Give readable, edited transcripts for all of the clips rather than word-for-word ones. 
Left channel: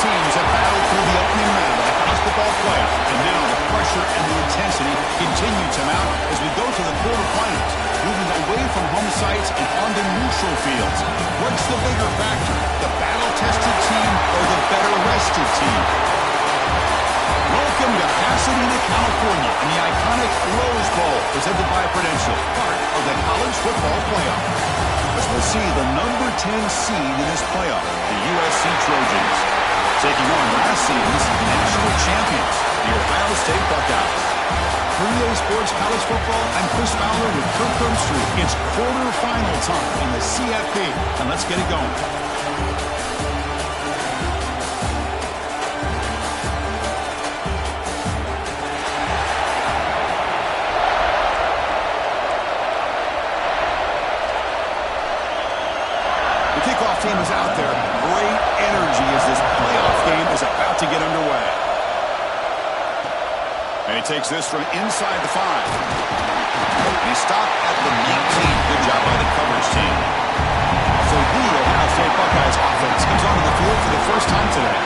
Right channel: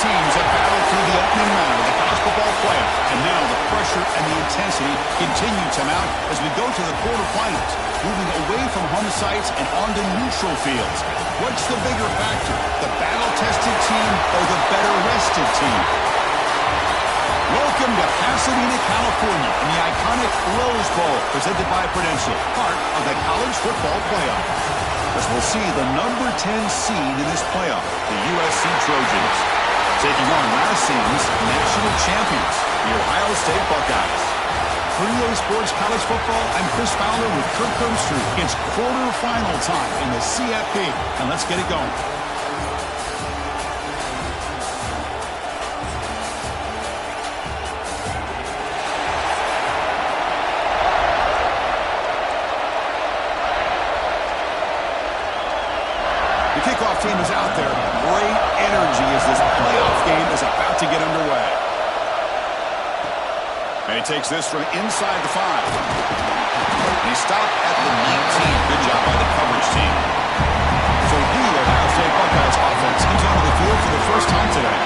teams have battled through the opening round of the college football playoff, and now the pressure and the intensity continue to mount as we go to the quarterfinals, moving away from home sites and onto neutral fields. What's the bigger factor, the battle-tested team or the better-rested team? Welcome to Pasadena, California, in the iconic Rose Bowl, presented by Prudential, part of the college football playoff. As we'll see the number 10 seed in this playoff, the USC Trojans, taking on last season's national champions, the Ohio State Buckeyes. For EA Sports College Football, I'm Chris Fowler with Kirk Herbstreit. It's quarterfinal time in the CFB, and let's get it going. The kickoff team is out there. Great energy as this playoff game is about to get underway. And he takes this from inside the 5. And he stopped at the 19. Good job by the coverage team. So the Ohio State Buckeyes offense comes onto the field for the first time today.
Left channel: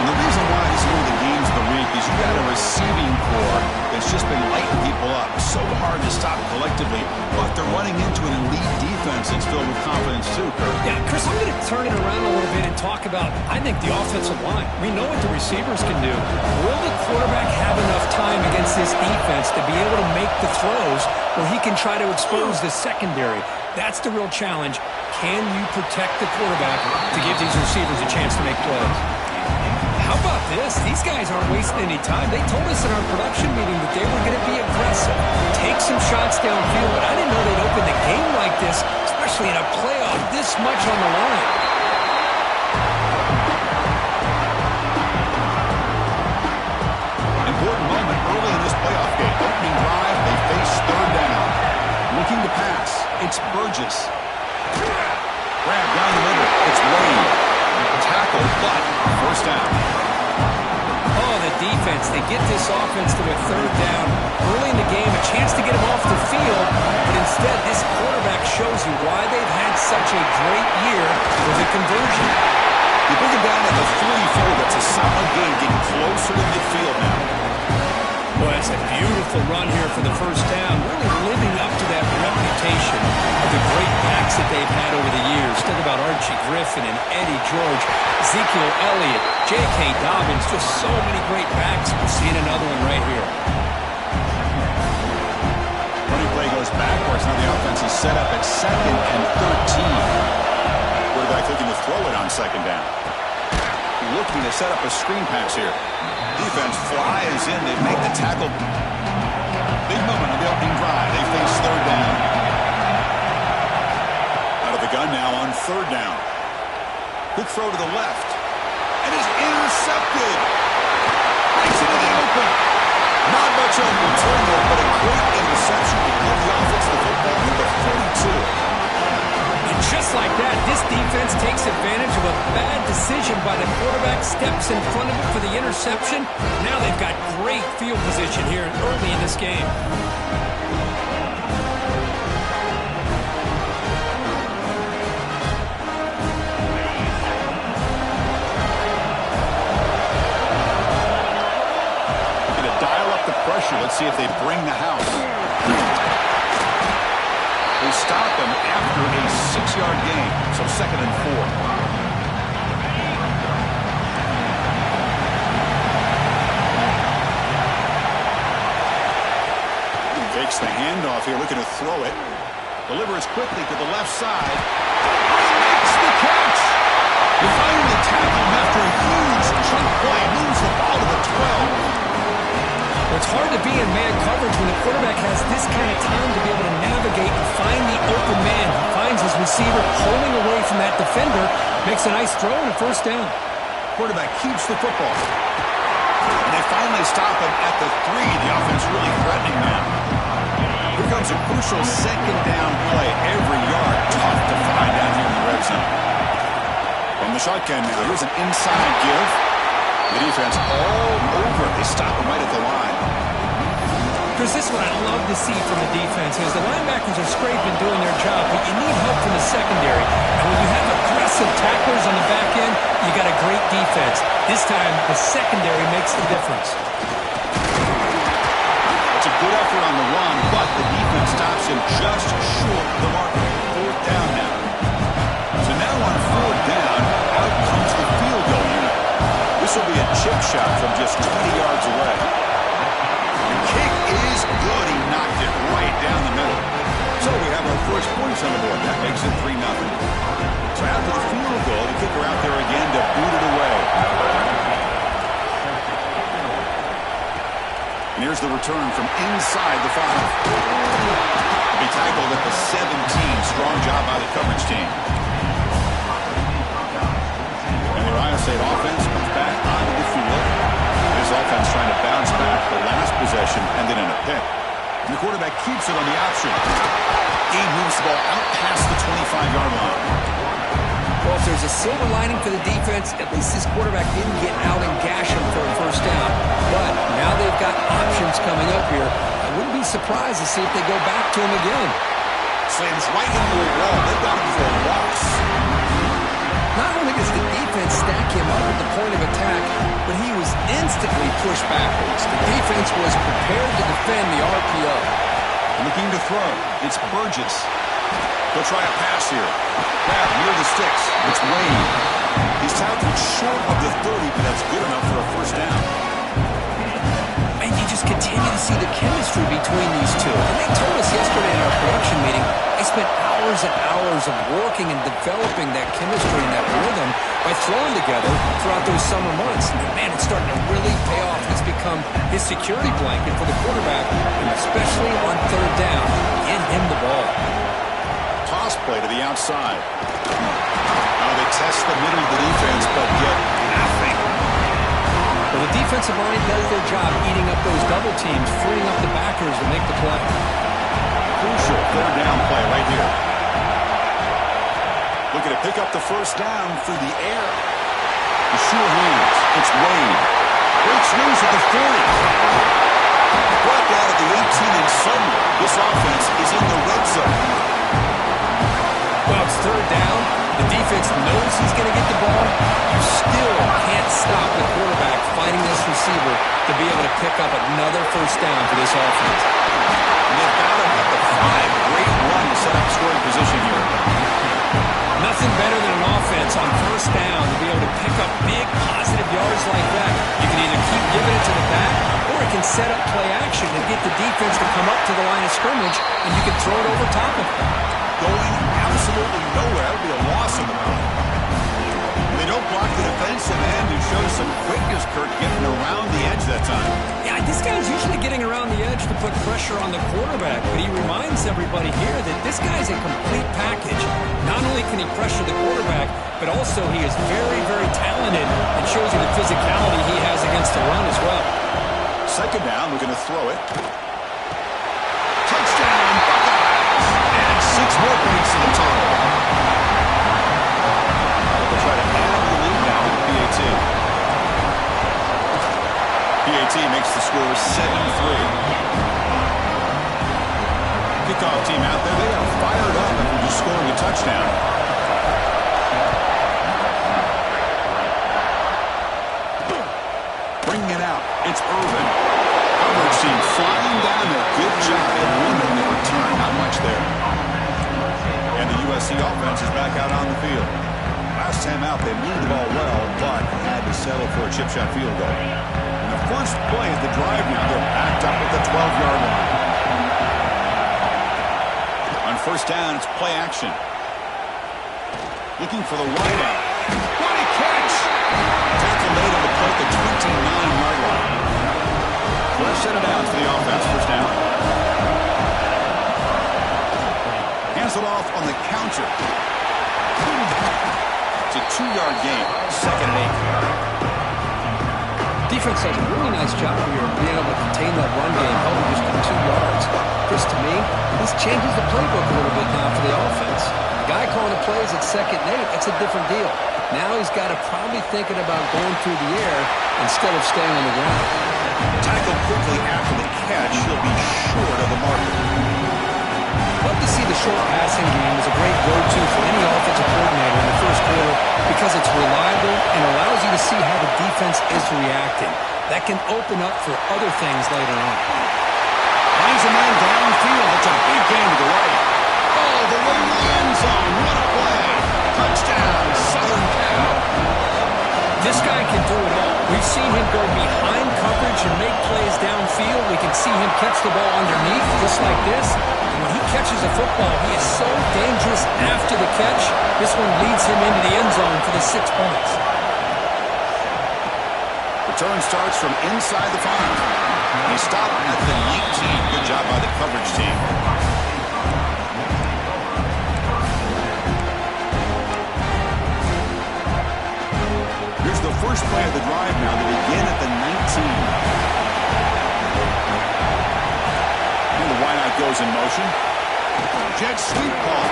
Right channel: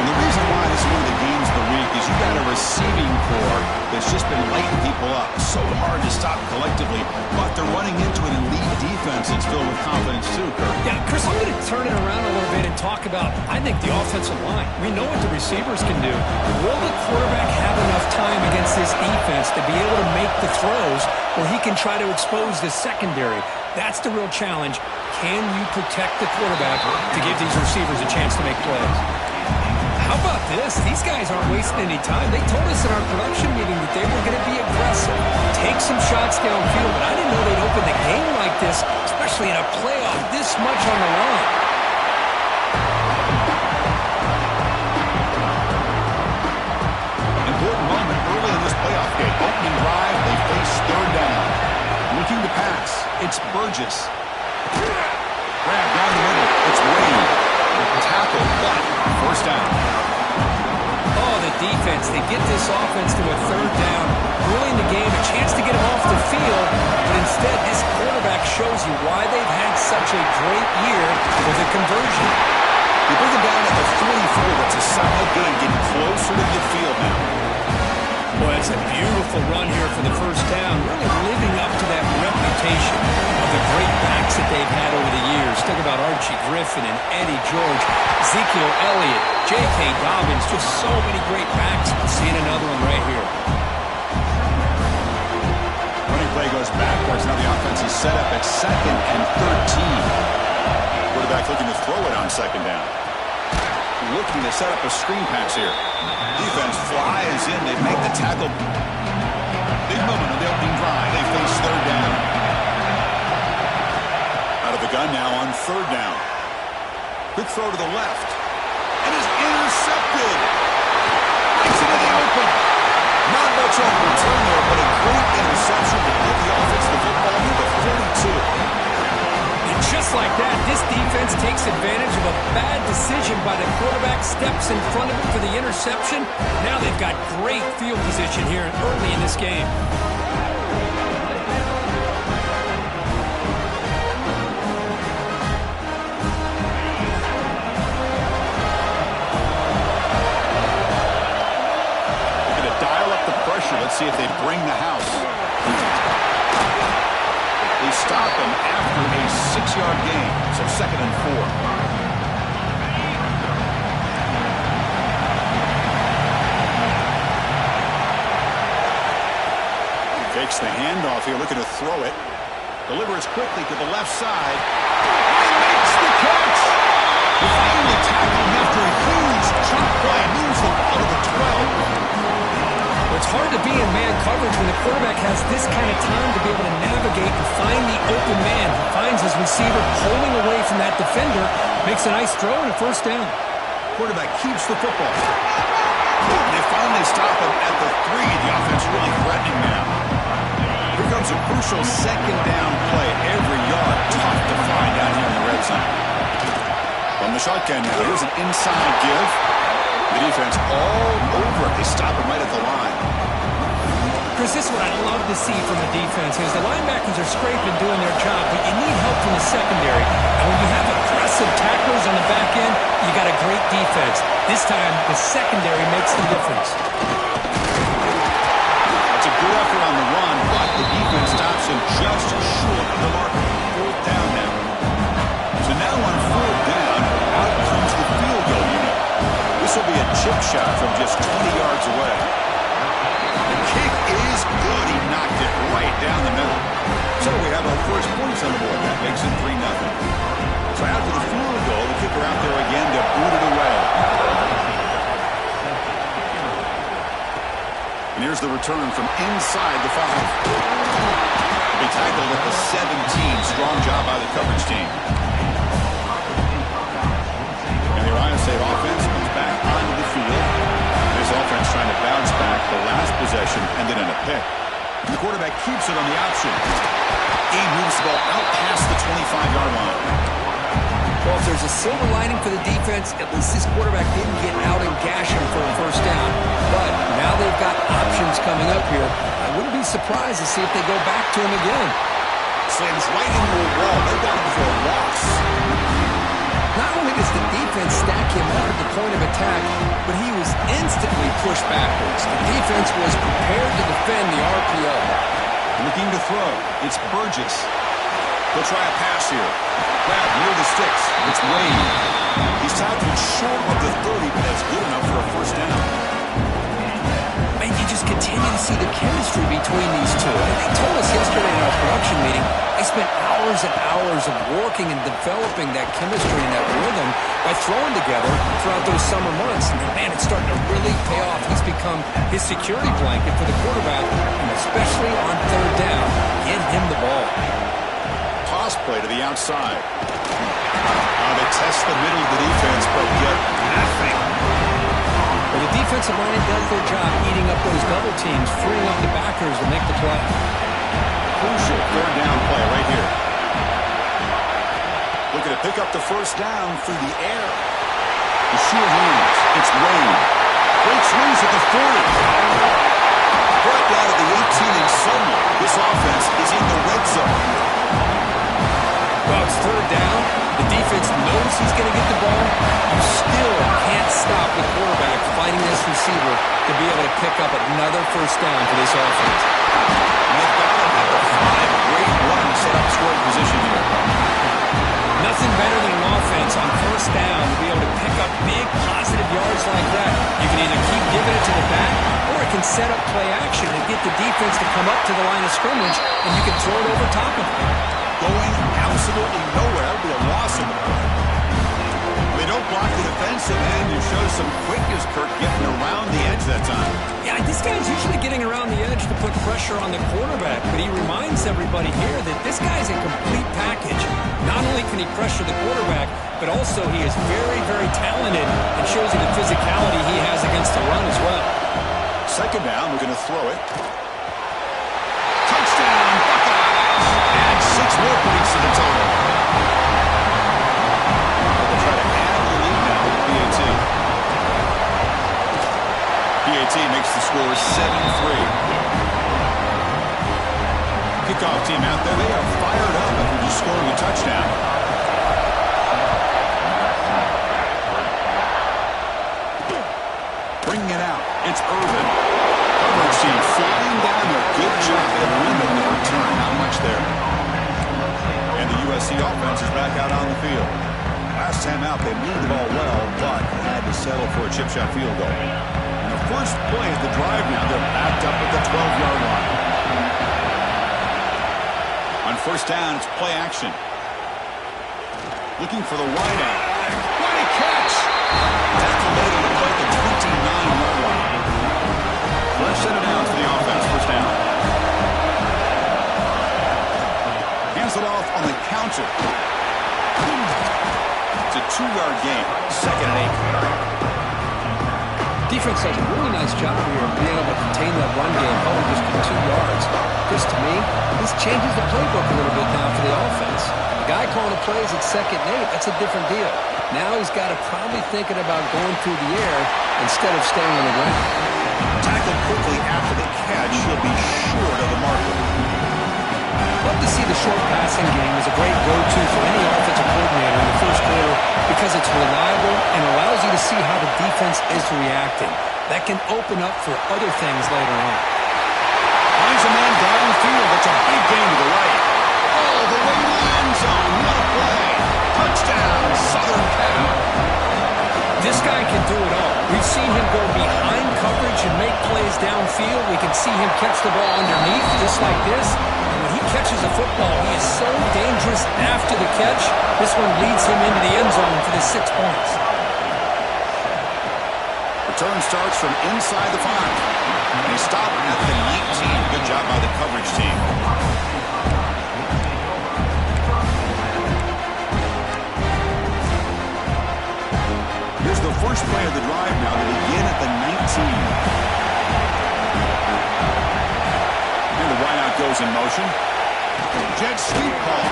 And the reason why this is one of the games of the week is you got a receiving core that's just been lighting people up. So hard to stop collectively, but they're running into an elite defense that's filled with confidence too, Kurt. Yeah, Chris, I'm going to turn it around a little bit and talk about, I think, the offensive line. We know what the receivers can do. Will the quarterback have enough time against this defense to be able to make the throws where he can try to expose the secondary? That's the real challenge. Can you protect the quarterback to give these receivers a chance to make plays? How about this? These guys aren't wasting any time. They told us in our production meeting that they were going to be aggressive, take some shots downfield, but I didn't know they'd open the game like this, especially in a playoff this much on the line. Important moment early in this playoff game. Opening drive, they face third down. Looking to pass, it's Burgess. Grab down the middle, it's Wade. Tackle, but first down. Oh, the defense. They get this offense to a third down. Early in the game, a chance to get him off the field, but instead this quarterback shows you why they've had such a great year with a conversion. You bring him down at the 44. That's a solid gain, getting closer to midfield now. Boy, that's a beautiful run here for the first down, really living up to that reputation of the great backs that they've had over the years. Think about Archie Griffin and Eddie George, Ezekiel Elliott, J.K. Dobbins, just so many great backs. We're seeing another one right here. Running play goes backwards. Now the offense is set up at 2nd and 13. Quarterback looking to throw it on 2nd down. Looking to set up a screen pass here. Defense flies in. They make the tackle. Big moment on the opening drive. They face third down. Out of the gun now on 3rd down. Quick throw to the left. And is intercepted. Breaks into the open. Not much on the return there, but a great interception to give the offense the football near the 42. And just like that, this defense takes advantage of a bad decision by the quarterback, steps in front of him for the interception. Now they've got great field position here early in this game. They're going to dial up the pressure. Let's see if they bring the house. They stop him after a 6-yard gain, so 2nd and 4. Fakes the handoff here, looking to throw it. Delivers quickly to the left side. He makes the catch! They finally tackle him after a huge chunk play. Moves the ball to the 12. Well, it's hard to be in man coverage when the quarterback has this kind of time to be able to navigate and find the open man. He finds his receiver pulling away from that defender, makes a nice throw and a first down. Quarterback keeps the football. And they finally stop him at the 3. The offense really threatening now. Here comes a crucial 2nd down play. Every yard tough to find down here in the red zone. From the shotgun now, here's an inside give. The defense all over it. They stop him right at the line. Chris, this is what I love to see from the defense is the linebackers are scraping, doing their job, but you need help from the secondary. And when you have aggressive tacklers on the back end, you got a great defense. This time, the secondary makes the difference. It's a good effort on the run, but the defense stops him just short of the marker. Fourth down now. So now on fourth down, out comes the field goal unit. This will be a chip shot from just 20 yards away. The kick is good. He knocked it right down the middle. So we have our first points on the board. That makes it 3-0. So after the field goal, the kicker out there again to boot it away. And here's the return from inside the 5. He'll be tackled at the 17. Strong job by the coverage team. And the Ohio State offense comes back onto the field. This offense trying to bounce back the last possession, ended in a pick. And the quarterback keeps it on the option. He moves the ball out past the 25-yard line. Well, if there's a silver lining for the defense, at least this quarterback didn't get out and gash him for a first down. But now they've got options coming up here. I wouldn't be surprised to see if they go back to him again. Slams right into a wall. They've got him for a loss. Not only does the defense stack him up at the point of attack, but he was instantly pushed backwards. The defense was prepared to defend the RPO. Looking to throw. It's Burgess. He'll try a pass here. Grab near the sticks. It's Wade. He's tackled short of the 30, but that's good enough for a first down. Man, you just continue to see the chemistry between these two. And they told us yesterday in our production meeting, they spent hours and hours of working and developing that chemistry and that rhythm by throwing together throughout those summer months. And man, it's starting to really pay off. He's become his security blanket for the quarterback, and especially on third down, get him the ball. Toss play to the outside. They test the middle of the defense, but get nothing. Well, the defensive line does their job eating up those double teams, freeing up the backers to make the play. Crucial third down play right here. Looking to pick up the first down through the air. The sure hands. It's Wade. Great swings at the 40. Brought down at the 18, and suddenly this offense is in the red zone. Well, it's third down. The defense knows he's going to get the ball. You still can't stop the quarterback finding this receiver to be able to pick up another first down for this offense. And they've got him at the 5. Great run to set up scoring position here. Nothing better than an offense on first down to be able to pick up big positive yards like that. You can either keep giving it to the back, or it can set up play action and get the defense to come up to the line of scrimmage, and you can throw it over top of them. Going absolutely nowhere. That would be a loss in the play. They don't block the defensive end, who shows some quickness, Kirk, getting around the edge that time. Yeah, this guy's usually getting around the edge to put pressure on the quarterback, but he reminds everybody here that this guy's a complete package. Not only can he pressure the quarterback, but also he is very, very talented and shows you the physicality he has against the run as well. Second down, we're going to throw it. Touchdown, Buckeyes! And 6 more points to the total. They'll try to add to the lead now with the PAT. PAT makes the score 7-3. Kickoff team out there, they are fired up after just scoring a touchdown. Bringing it out, it's Irvin. Coverage team flying down there. Good job. They limit the return. Not much there. And the USC offense is back out on the field. Last time out, they moved the ball well, but had to settle for a chip shot field goal. And the first play of the drive now, they're backed up at the 12-yard line. On first down, it's play action. Looking for the wideout. What a catch! Tackle made on the play at the 29-yard line. Fresh set of downs for the offense. First down. Hands it off on the counter. It's a 2-yard gain. Second and 8. Defense does a really nice job here of being able to contain that run game, held him just to 2 yards. Chris, to me, this changes the playbook a little bit now for the offense. The guy calling the plays at 2nd and 8, that's a different deal. Now he's got to probably thinking about going through the air instead of staying on the ground. Tackled quickly after the catch, he'll be short of the marker. Love to see the short passing game as a great go-to for any offensive coordinator in the first quarter because it's reliable and allows you to see how the defense is reacting. That can open up for other things later on. Finds a man downfield. That's a big gain to the right. Oh, the way to the end zone. What a play. Touchdown, Southern Cal. This guy can do it all. We've seen him go behind coverage and make plays downfield. We can see him catch the ball underneath just like this. And when he catches a football, he is so dangerous after the catch. This one leads him into the end zone for the 6 points. Return starts from inside the 5. And he stopped at the 19. Good job by the coverage team. Here's the first play of the drive now. They begin at the 19. And the wideout goes in motion. Jet sweep call.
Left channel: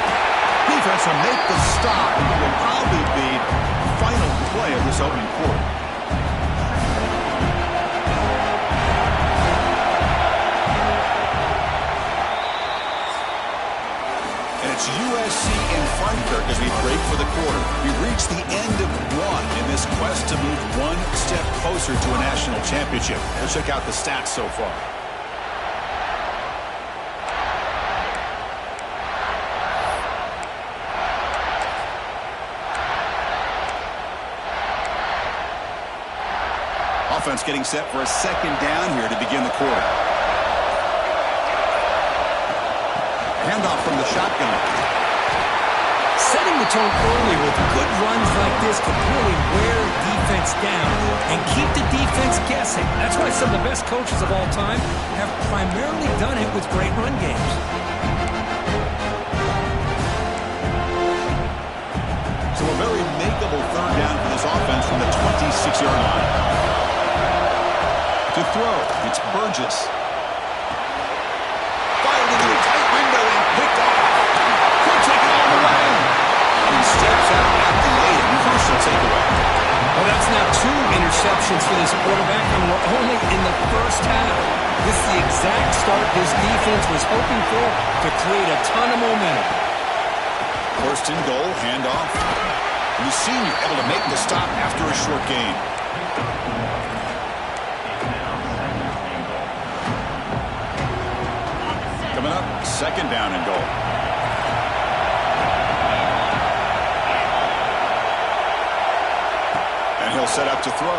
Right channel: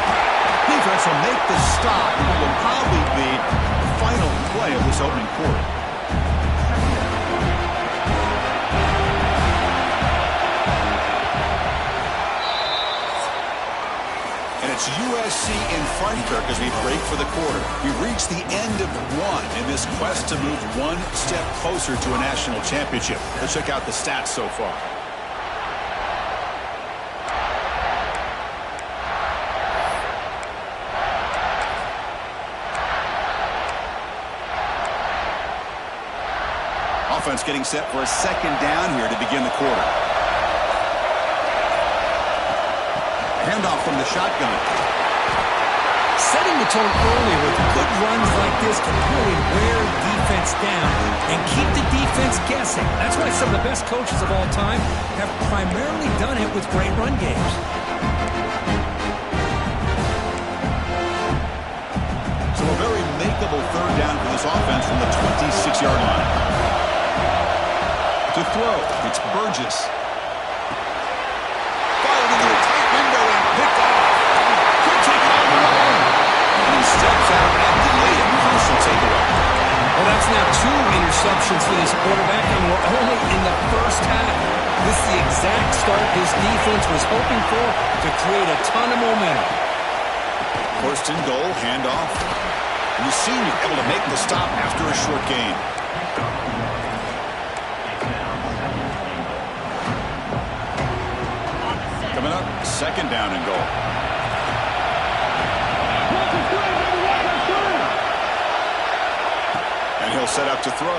Defense will make the stop. It will probably be the final play of this opening quarter. It's USC in front here as we break for the quarter. We've reached the end of one in this quest to move one step closer to a national championship. Let's check out the stats so far. Offense getting set for a second down here to begin the quarter. Handoff from the shotgun. Setting the tone early with good runs like this can really wear defense down and keep the defense guessing. That's why some of the best coaches of all time have primarily done it with great run games. So a very makeable third down for this offense from the 26-yard line. To throw, it's Burgess. Fired into a tight window and picked off. Could take it all the way. And he steps out at the late and crucial takeaway. Well, that's now 2 interceptions for this quarterback, and we're only in the first half. This is the exact start his defense was hoping for to create a ton of momentum. First and goal, handoff. And the senior able to make the stop after a short gain. Coming up, second down and goal. And he'll set up to throw.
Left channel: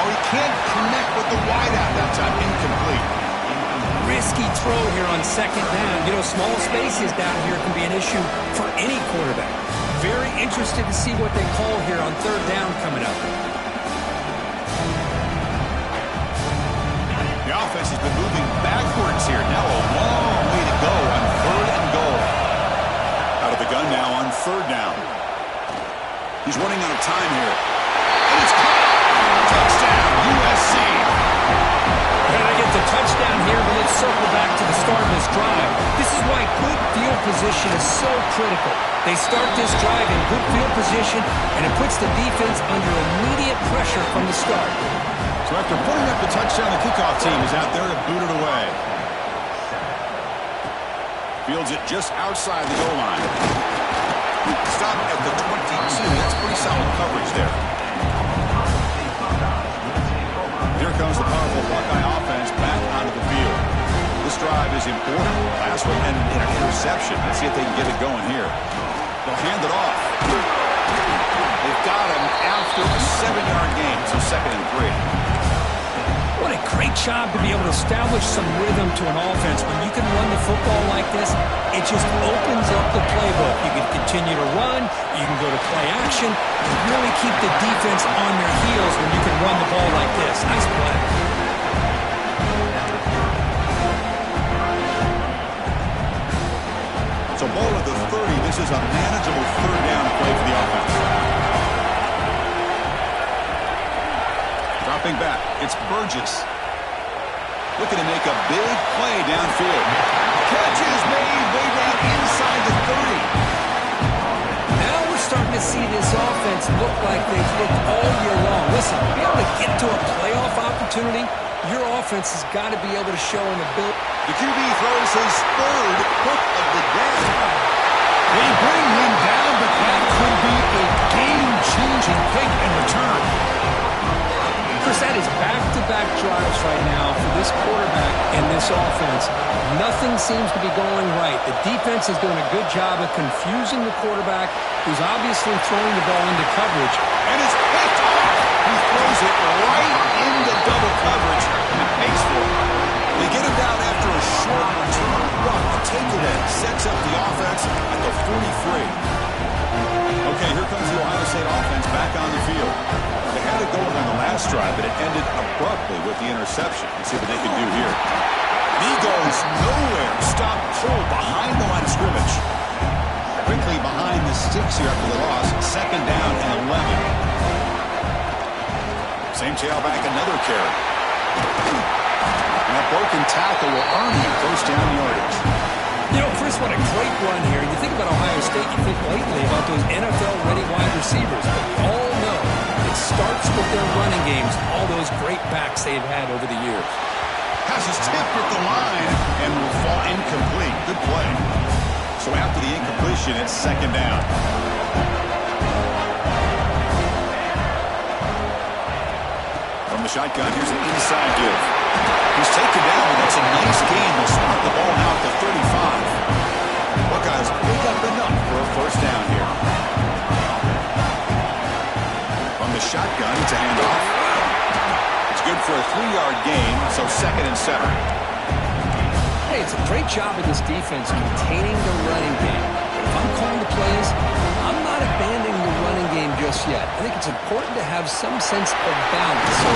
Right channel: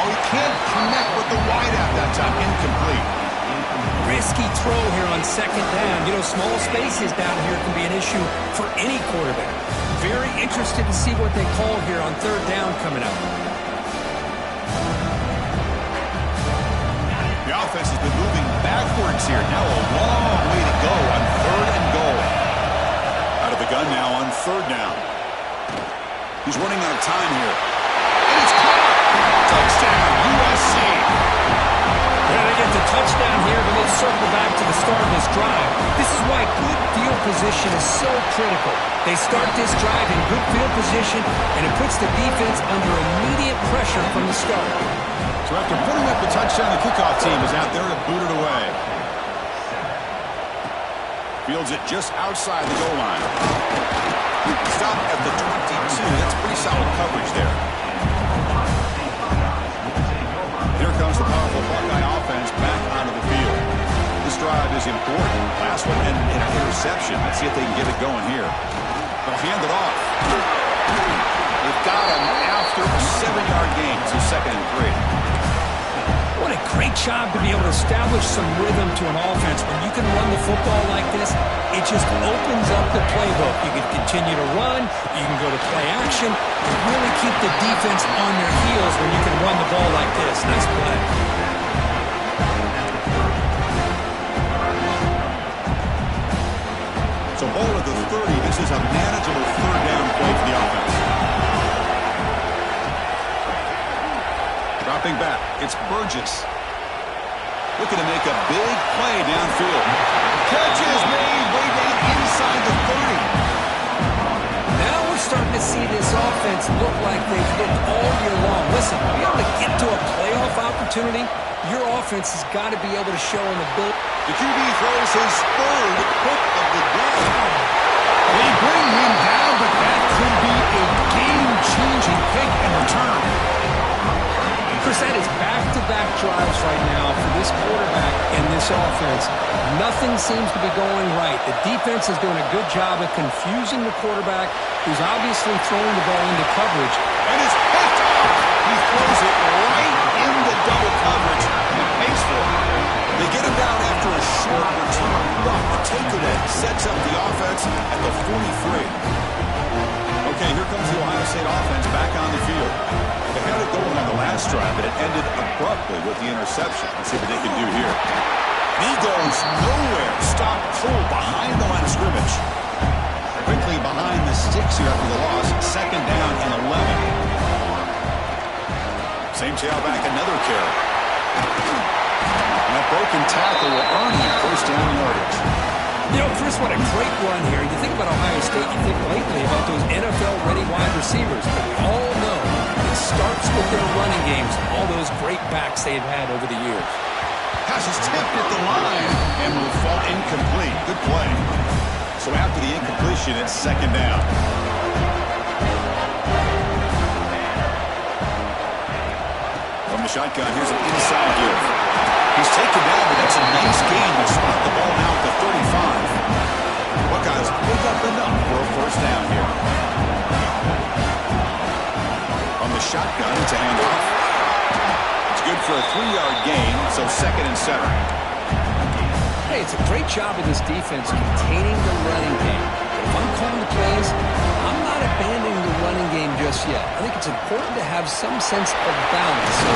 Oh, he can't connect with the wideout that time. Incomplete. Risky throw here on second down. You know, small spaces down here can be an issue for any quarterback. Very interested to see what they call here on third down coming up. The offense has been moving backwards here. Now a long way to go on third and goal. Out of the gun now on third down. He's running out of time here. And it's caught. Touchdown, USC. Yeah, they get the touchdown here, but let's circle back to the start of this drive. This is why good field position is so critical. They start this drive in good field position, and it puts the defense under immediate pressure from the start. So after putting up the touchdown, the kickoff team is out there to boot it away. Fields it just outside the goal line. Stop at the 22. That's pretty solid coverage there. Here comes the powerful Buckeye offense back onto the field. This drive is important. Last one ended in an interception. Let's see if they can get it going here. They'll hand it off. They've got him after a 7-yard gain, so second and 3. What a great job to be able to establish some rhythm to an offense. When you can run the football like this, it just opens up the playbook. You can continue to run. You can go to play action. And really keep the defense on their heels when you can run the ball like this. Nice play. So ball at the 30. This is a manageable third down play for the offense. Dropping back, it's Burgess. Looking to make a big play downfield. Catch is made way down inside the 30. Now we're starting to to see this offense look like they've looked all year long. Listen, to be able to get to a playoff opportunity, your offense has got to be able to show an ability. The QB throws his third pick of the day. They bring him down, but that could be a game-changing pick in return. Chris, that is back-to-back drives right now for this quarterback and this offense. Nothing seems to be going right. The defense is doing a good job of confusing the quarterback, who's obviously throwing the ball into coverage. And it's picked off. He throws it right into double coverage and pays for it. They get him down after a short return. The takeaway sets up the offense at the 43. Okay, here comes the Ohio State offense back on the field. They had it going on the last drive, but it ended abruptly with the interception. Let's see what they can do here. And he goes nowhere. Stopped cold behind the line of scrimmage. Quickly behind the sticks here after the loss. Second down and 11. Same tailback, another carry. And that broken tackle will earn him first down yardage. You know, Chris, what a great run here. You think about Ohio State, you think lately about those NFL-ready wide receivers. But we all know it starts with their running games, all those great backs they've had over the years. Pass is tipped at the line and will fall incomplete. Good play. So after the incompletion, it's second down. From the shotgun, here's an inside give. He's taken down, but that's a nice gain. They'll spot the ball now at the 35. Buckeyes pick up enough for a first down here. From the shotgun, it's a handoff. It's good for a 3-yard gain, so second and 7. Hey, it's a great job of this defense containing the running game. But if I'm calling the plays, I'm not abandoning the running game just yet. I think it's important to have some sense of balance. So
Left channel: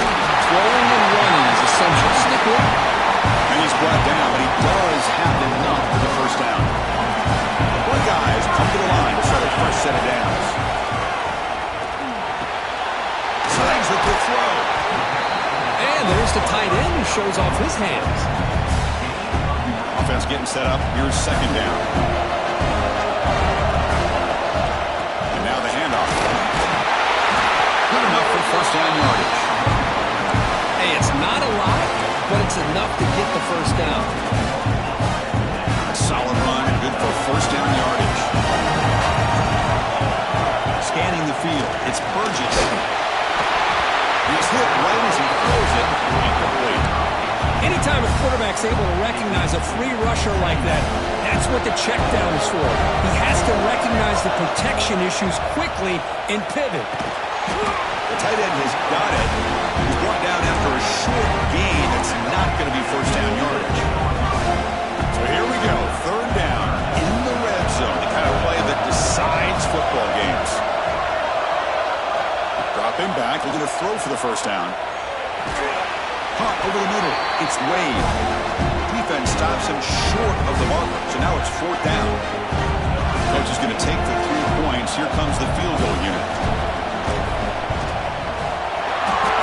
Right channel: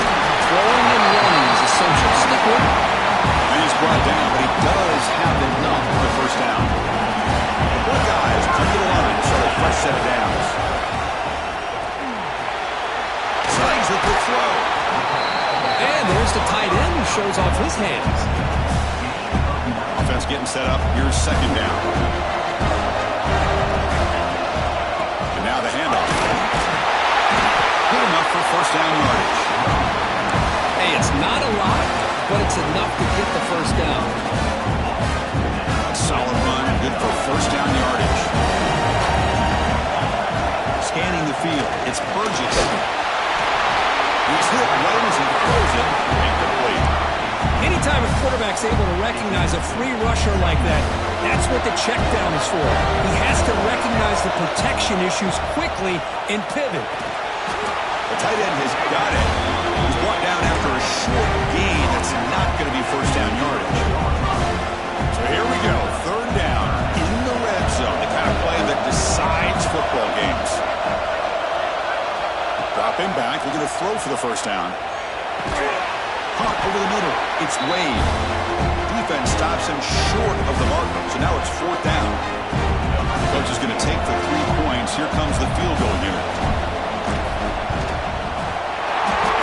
throwing and running is essential. Stick with it. And he's brought down, but he does have enough for the first down. The Buckeyes come to the line to start a fresh set of downs. Slides with the throw. And there's the tight end who shows off his hands. Offense getting set up. Here's second down. And now the handoff. Good enough for first down yardage. Hey, it's not a lot, but it's enough to get the first down. A solid run, good for first down yardage. Scanning the field. It's Burgess. He's hit right as he throws it. Incomplete. Anytime a quarterback's able to recognize a free rusher like that, that's what the check down is for. He has to recognize the protection issues quickly and pivot. The tight end has got it. He's brought down after a short gain. That's not going to be first down yardage. So here we go. Third down in the red zone. The kind of play that decides football games. Dropping back, looking to throw for the first down. Caught over the middle. It's Wade. Defense stops him short of the marker. So now it's fourth down. Coach is going to take the 3 points. Here comes the field goal unit.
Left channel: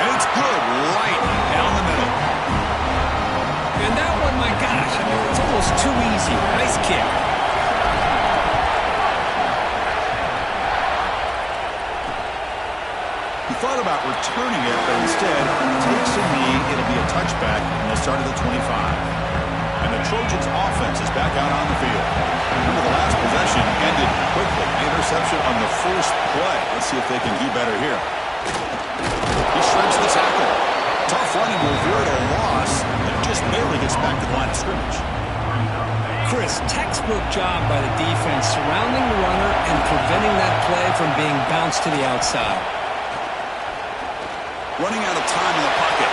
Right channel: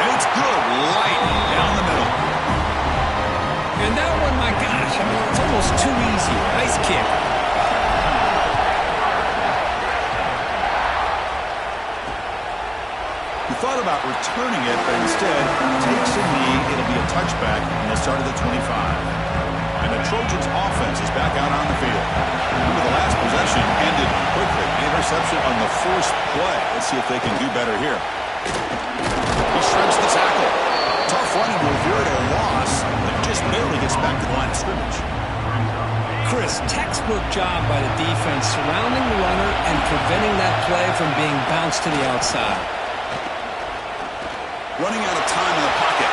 And it's good. Right down the middle. And that one, my gosh, I mean, it's almost too easy. Nice kick. He thought about returning it, but instead takes a knee. It'll be a touchback, and they'll start at the 25. And the Trojans' offense is back out on the field. Remember, the last possession ended quickly. The interception on the first play. Let's see if they can do better here. He shreds the tackle. Tough running to avoid a loss, but just barely gets back to the line of scrimmage. Chris, textbook job by the defense surrounding the runner and preventing that play from being bounced to the outside. Running out of time in the pocket.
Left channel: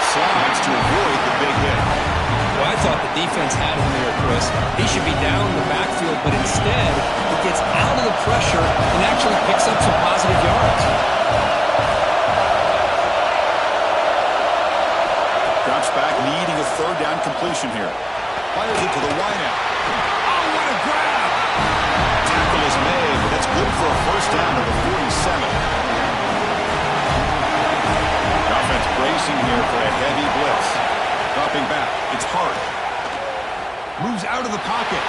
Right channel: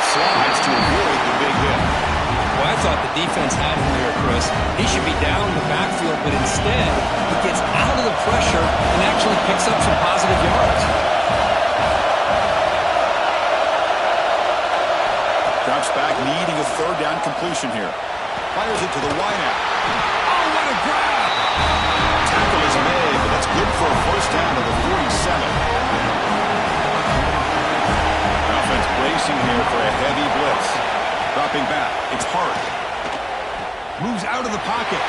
Slides to avoid the big hit. Well, I thought the defense had him there, Chris. He should be down in the backfield, but instead, he gets out of the pressure and actually picks up some positive yards. Drops back, needing a third down completion here. Fires it to the wideout. Oh, what a grab! Tackle is made, but that's good for a first down to the 47. Offense bracing here for a heavy blitz. Dropping back. It's Hart. Moves out of the pocket.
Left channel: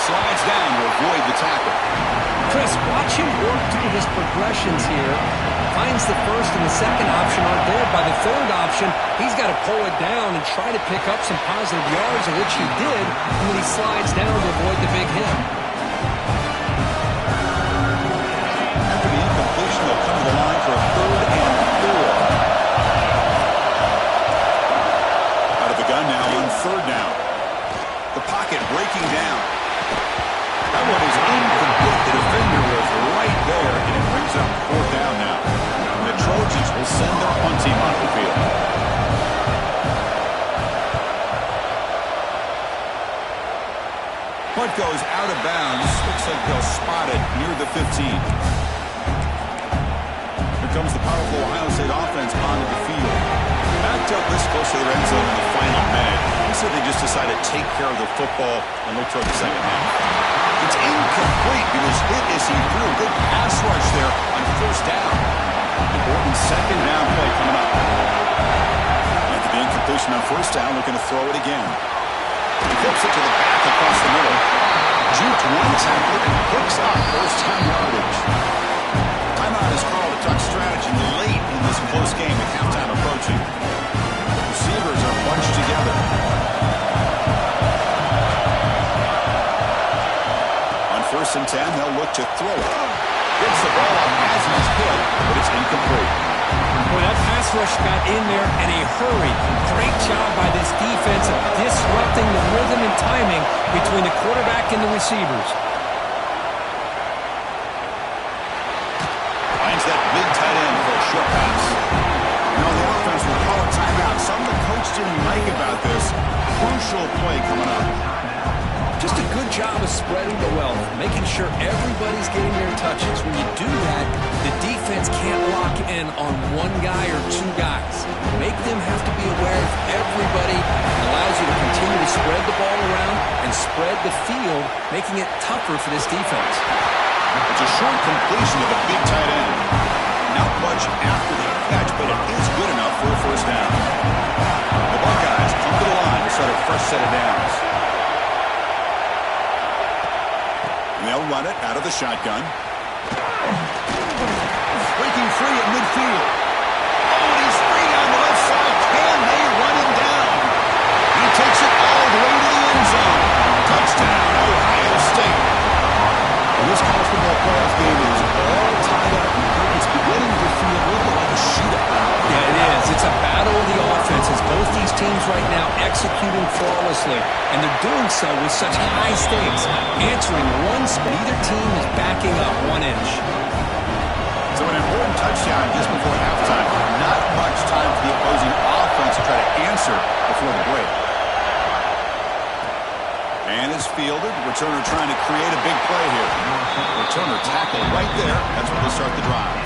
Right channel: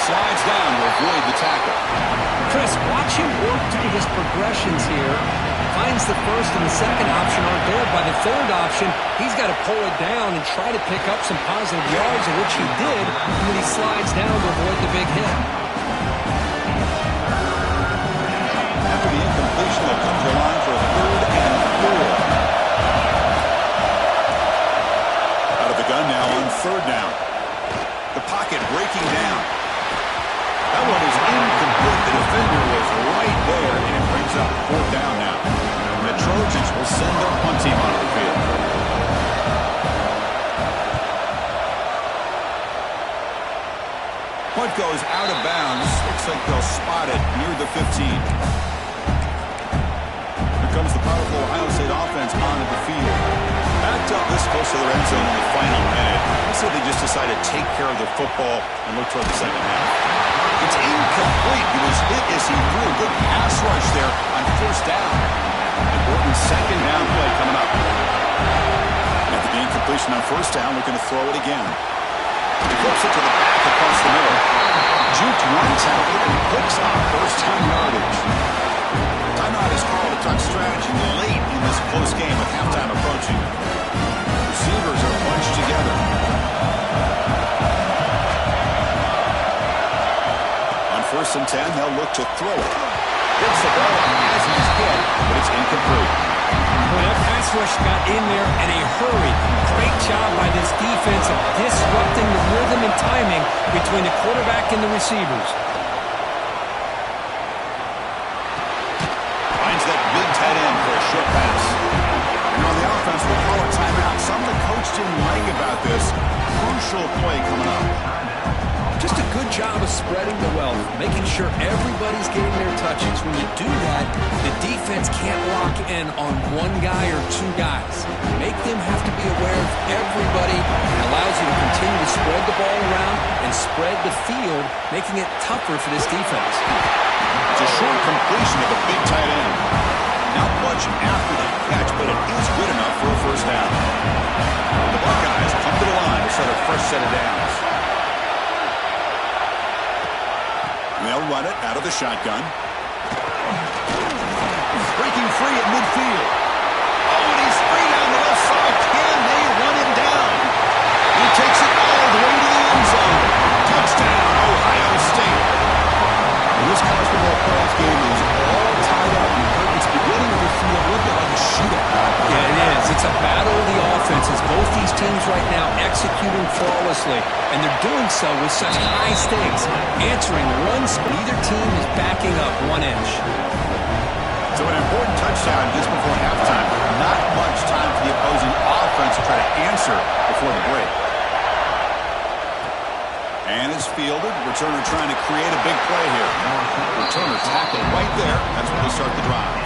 Slides down to avoid the tackle. Chris, watch him work through his progressions here. Finds the first and the second option aren't there. By the third option, he's got to pull it down and try to pick up some positive yards, of which he did, and then he slides down to avoid the big hit. After the incompletion, they'll come to the line for a 3rd and 4. Out of the gun now on 3rd down. The pocket breaking down. That one is incomplete. The defender was right there, and it brings up 4th down now. And the Trojans will send their punt team onto the field. Punt goes out of bounds. Looks like they'll spot it near the 15. Here comes the powerful Ohio State offense onto the field. Backed up this close to their end zone in the final minute. I said they just decided to take care of the football and look toward the second half. It's incomplete. He was hit as he threw. Good pass rush there on 1st down. Important 2nd down play coming up. After the incompletion on 1st down, looking to throw it again. He flips it to the back across the middle. Juked one tackler and picks up 1st-time yardage. Timeout is called to talk strategy late in this close game with halftime approaching. Receivers are bunched together. On 1st and 10, they'll look to throw it. Gets the ball up as he's hit, but it's incomplete. Boy, that pass rush got in there in a hurry. Great job by this defense of disrupting the rhythm and timing between the quarterback and the receivers. Finds that big tight end for a short pass. You know, the offense will call a timeout. Something the coach didn't like about this. Crucial play coming up. Just a good job of spreading the wealth, making sure everybody's getting their touches. When you do that, the defense can't lock in on one guy or 2 guys. Make them have to be aware of everybody. It allows you to continue to spread the ball around and spread the field, making it tougher for this defense. It's a short completion of the big tight end. Not much after the catch, but it is good enough for a 1st down. The Buckeyes come to the line to start a fresh set of downs. And they'll run it out of the shotgun. Breaking free at midfield. Oh, and he's free down the left side. Can they run him down? He takes it all the way to the end zone. Touchdown, Ohio State. And this college football playoff game is all tied up. It's beginning to feel a little bit like a shootout. Yeah, it is. It's a battle of the offenses. Both these teams right now executing flawlessly, and they're doing so with such high stakes. Answering one spot. Neither team is backing up 1 inch. So an important touchdown just before halftime. Not much time for the opposing offense to try to answer before the break. And it's fielded. Returner trying to create a big play here. Returner tackled right there. That's where they start the drive.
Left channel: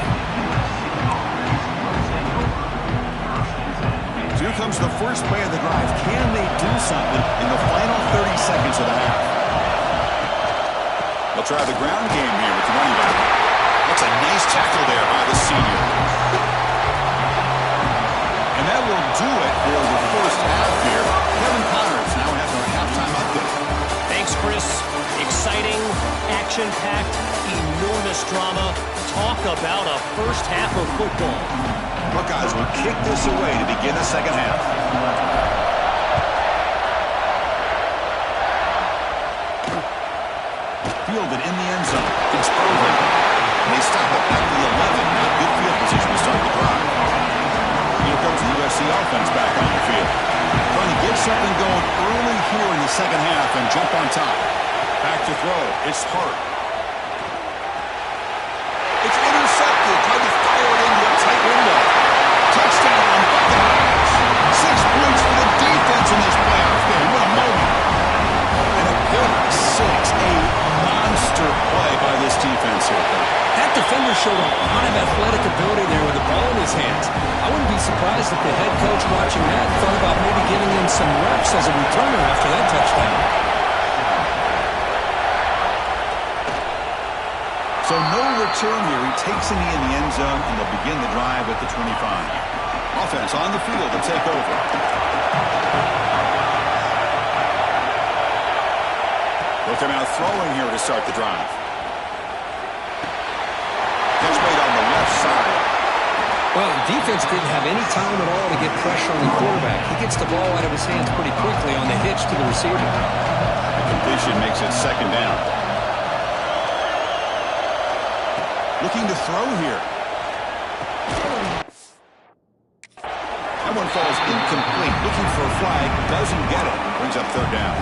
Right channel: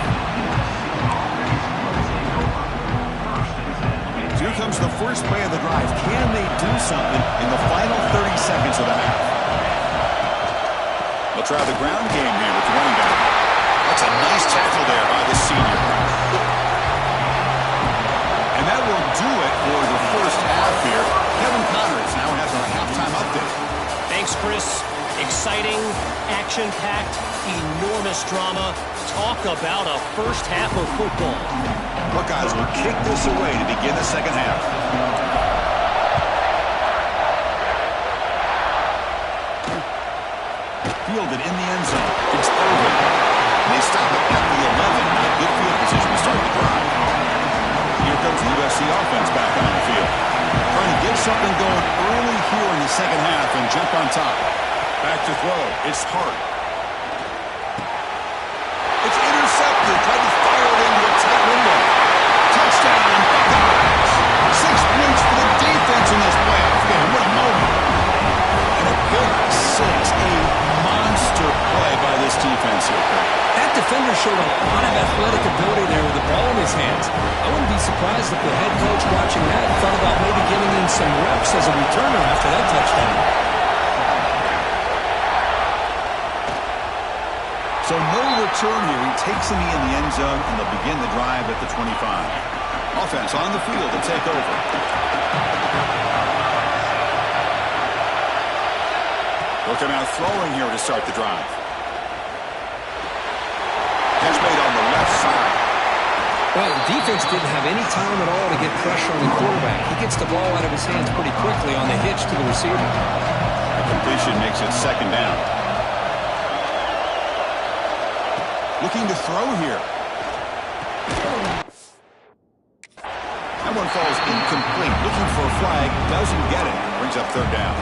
So here comes the first play of the drive. Can they do something in the final 30 seconds of the half? They'll try the ground game here with the running back. That's a nice tackle there by the senior. And that will do it for the first half here. Kevin Connors now has our halftime update. Thanks, Chris. Exciting, action-packed, enormous drama. Talk about a first half of football. Buckeyes will kick this away to begin the second half. Fielded in the end zone. It's Irvin. They stop it at the 11. Not good field position to start the drive. Here comes the USC offense back on the field. Trying to get something going early here in the second half and jump on top. Back to throw. It's Hart. It's intercepted. Tried to fire it into a tight window. Touchdown, Buckeyes. 6 points for the defense in this playoff game. What a moment. And a pick six. A monster play by this defense here, Kurt. That defender showed a lot of athletic ability there with the ball in his hands. I wouldn't be surprised if the head coach watching that thought about maybe giving him some reps as a returner after that touchdown. So no return here. He takes a knee in the end zone, and they'll begin the drive at the 25. Offense on the field to take over. He'll come out throwing here to start the drive. Catch made on the left side. Well, the defense didn't have any time at all to get pressure on the quarterback. He gets the ball out of his hands pretty quickly on the hitch to the receiver. The completion makes it second down. Looking to throw here. That one falls incomplete. Looking for a flag. Doesn't get it. Brings up third down.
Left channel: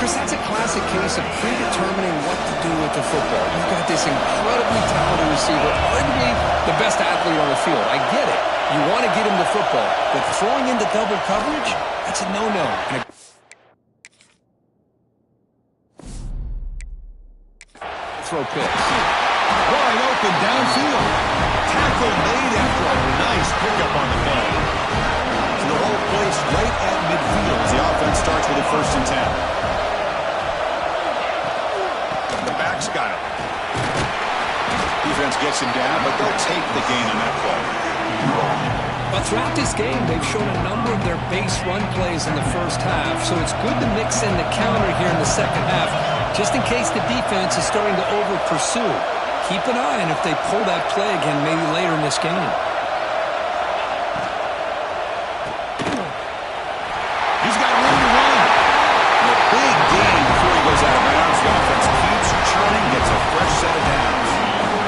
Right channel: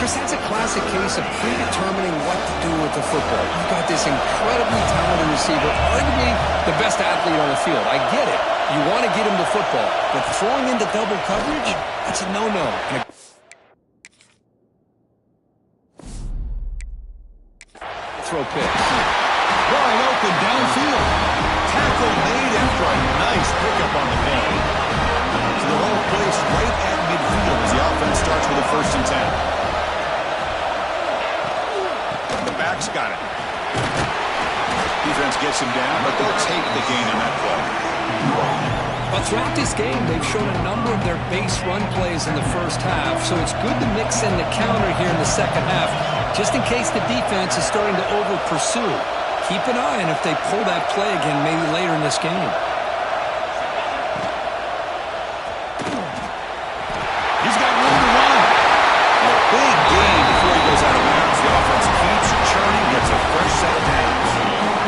Chris, that's a classic case of predetermining what to do with the football. You've got this incredibly talented receiver, arguably the best athlete on the field. I get it. You want to get him the football. But throwing into double coverage, that's a no-no. Throw picks. Wide open downfield. Tackle made after a nice pickup on the play. So the ball placed right at midfield as the offense starts with a 1st and 10. The back's got it. Defense gets him down, but they'll take the gain on that play. But throughout this game, they've shown a number of their base run plays in the first half, so it's good to mix in the counter here in the second half, just in case the defense is starting to over-pursue. Keep an eye on if they pull that play again maybe later in this game. He's got room to run. And a big gain before he goes out of bounds. The offense keeps churning, gets a fresh set of downs.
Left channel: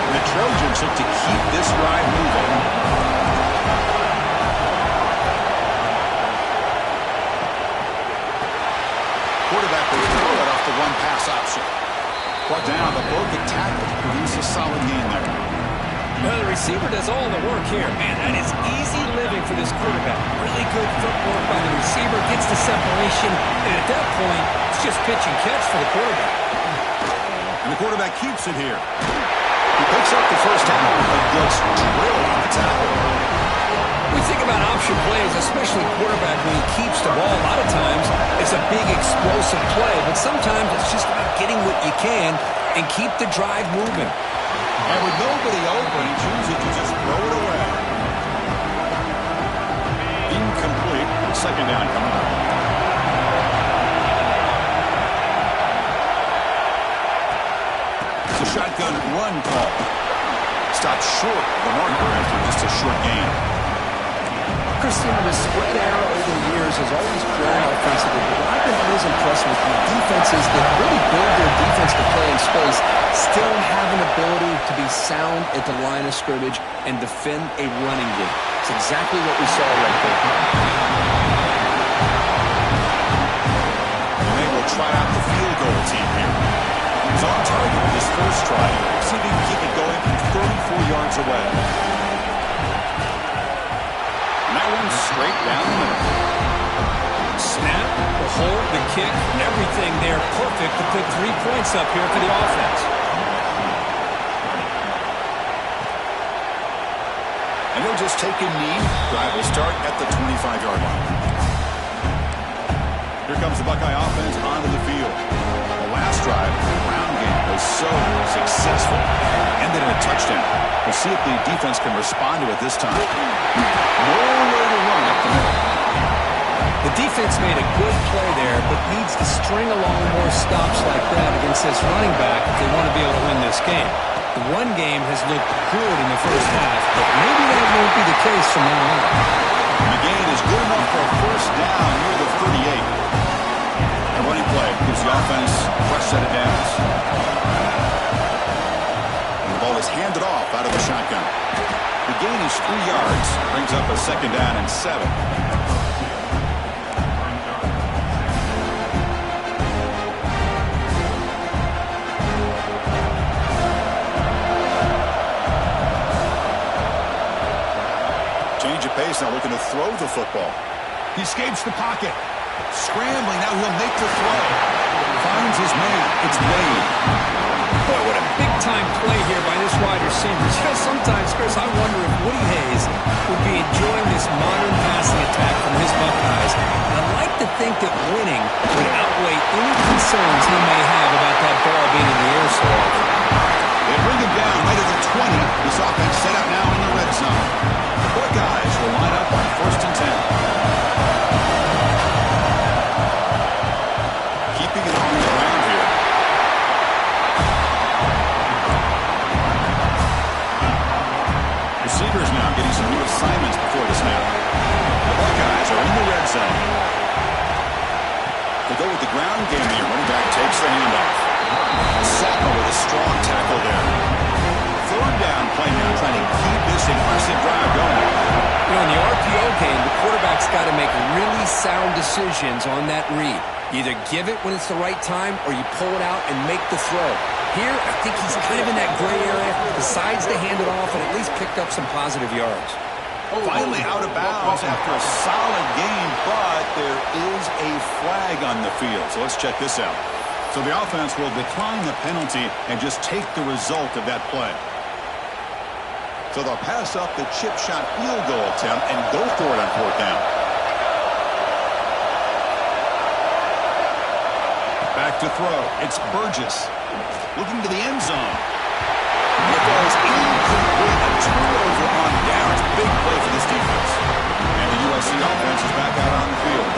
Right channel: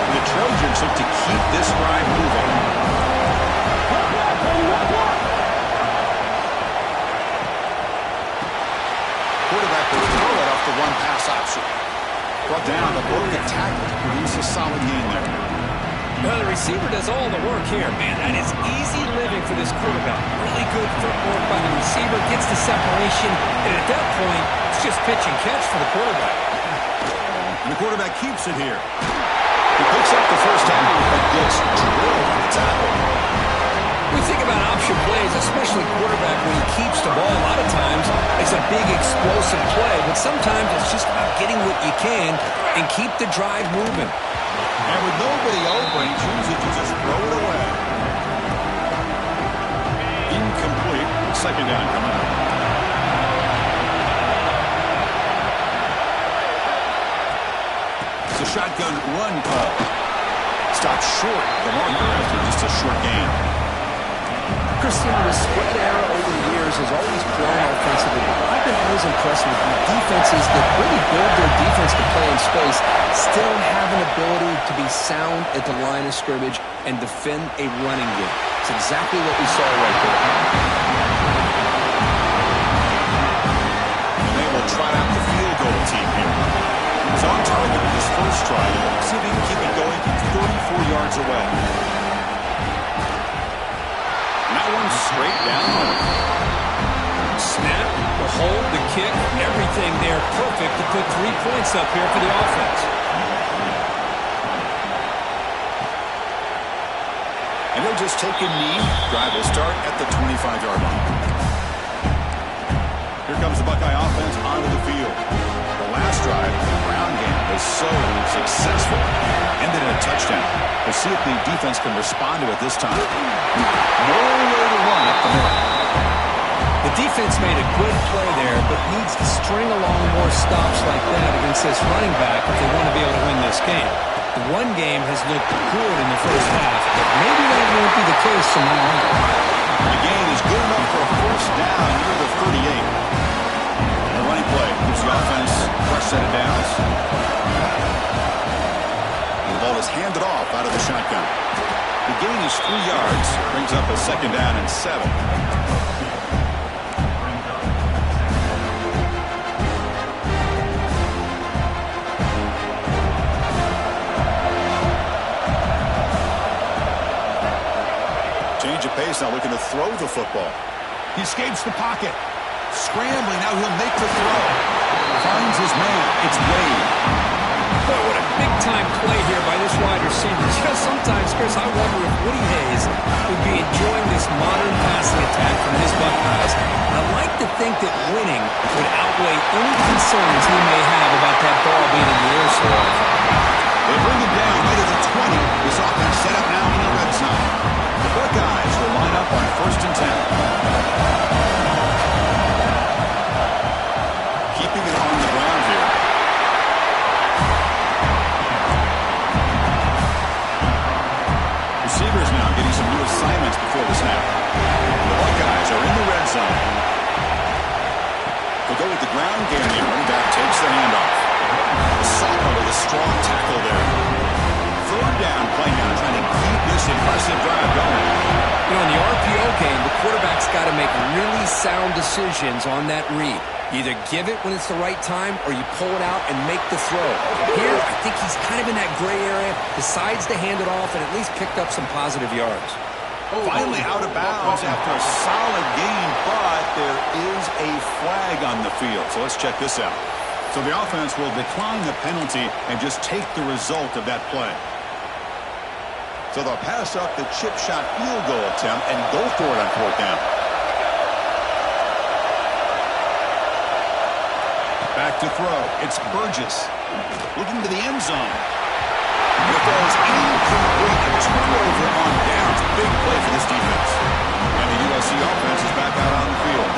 And the Trojans look to keep this drive moving. Quarterback will throw it off the one-pass option. Brought down, the broken tackle to produce a solid gain there. Well, the receiver does all the work here. Man, that is easy living for this quarterback. Really good footwork by the receiver, gets the separation, and at that point, it's just pitch and catch for the quarterback. And the quarterback keeps it here. He picks up the first down, but gets drilled on the tackle. We think about option plays, especially quarterback, when he keeps the ball. A lot of times, it's a big explosive play, but sometimes it's just about getting what you can and keep the drive moving. And with nobody open, he chooses to just throw it away. Incomplete. Second down coming up. It's a shotgun run call. Stopped short of the marker after just a short gain. Christian, the spread era over the years has always grown offensively, but what I've been always impressed with defenses that really build their defense to play in space still have an ability to be sound at the line of scrimmage and defend a running game. It's exactly what we saw right there. And they will try out the field goal team here. He's on target with his first try. See if he can keep it going from 34 yards away. And that one's straight down the middle. Snap, the hold, the kick, everything there perfect to put 3 points up here for the offense. And he'll just take a knee. Drive will start at the 25-yard line. Here comes the Buckeye offense onto the field. The last drive, the ground game, was so successful. Ended in a touchdown. We'll see if the defense can respond to it this time. Nowhere to run up the middle. The defense made a good play there, but needs to string along more stops like that against this running back if they want to be able to win this game. The run game has looked good in the first half, but maybe that won't be the case from now on. The gain is good enough for a first down near the 38. A running play gives the offense a fresh set of downs. The ball is handed off out of the shotgun. The gain is 3 yards, brings up a second down and 7. Change of pace now, looking to throw the football. He escapes the pocket. Scrambling, now he'll make the throw. Finds his man. It's Wade. Boy, what a big-time play here by this wide receiver. You know, sometimes, Chris, I wonder if Woody Hayes would be enjoying this modern passing attack from his Buckeyes. And I'd like to think that winning would outweigh any concerns he may have about that ball being in the air so often. They bring him down right at the 20. This offense set up now in the red zone. The Buckeyes will line up on 1st and 10. Keeping it on the ground here. receivers now getting some new assignments before the snap. The Buckeyes are in the red zone. They'll go with the ground game here. Running back takes the handoff. The sophomore with a strong tackle there. Third down play now, trying to keep this impressive drive going. You know, in the RPO game, the quarterback's got to make really sound decisions on that read. You either give it when it's the right time or you pull it out and make the throw. Here, I think he's kind of in that gray area, decides to hand it off, and at least picked up some positive yards. Finally out of bounds after a solid game, but there is a flag on the field. So let's check this out. So the offense will decline the penalty and just take the result of that play. So they'll pass up the chip shot field goal attempt and go for it on fourth down. Back to throw. It's Burgess looking to the end zone. It goes incomplete. A turnover on downs. Big play for this defense. And the USC offense is back out on the field.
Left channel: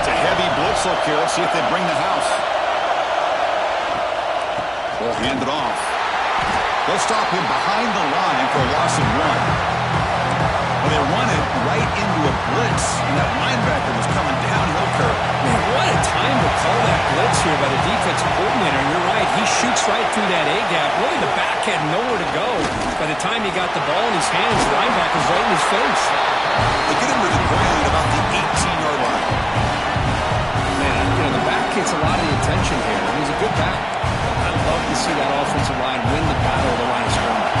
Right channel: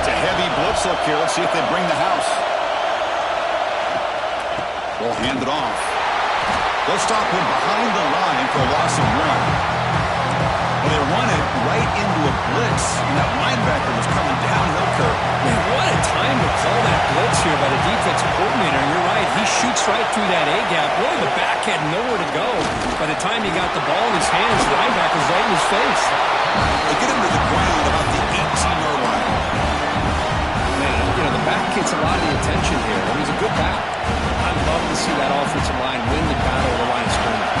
It's a heavy blitz look here. Let's see if they bring the house. They'll hand it off. They'll stop him behind the line for a loss of 1. Well, they run it right into a blitz, and that linebacker was coming downhill curve. Man, what a time to call that blitz here by the defensive coordinator. And you're right, he shoots right through that A-gap. Really, the back had nowhere to go. By the time he got the ball in his hands, the linebacker's right in his face. They get him to the ground about the 18-yard line. Man, you know, the back gets a lot of the attention here. I mean, he's a good back. I love to see that offensive line win the battle of the line of scrimmage.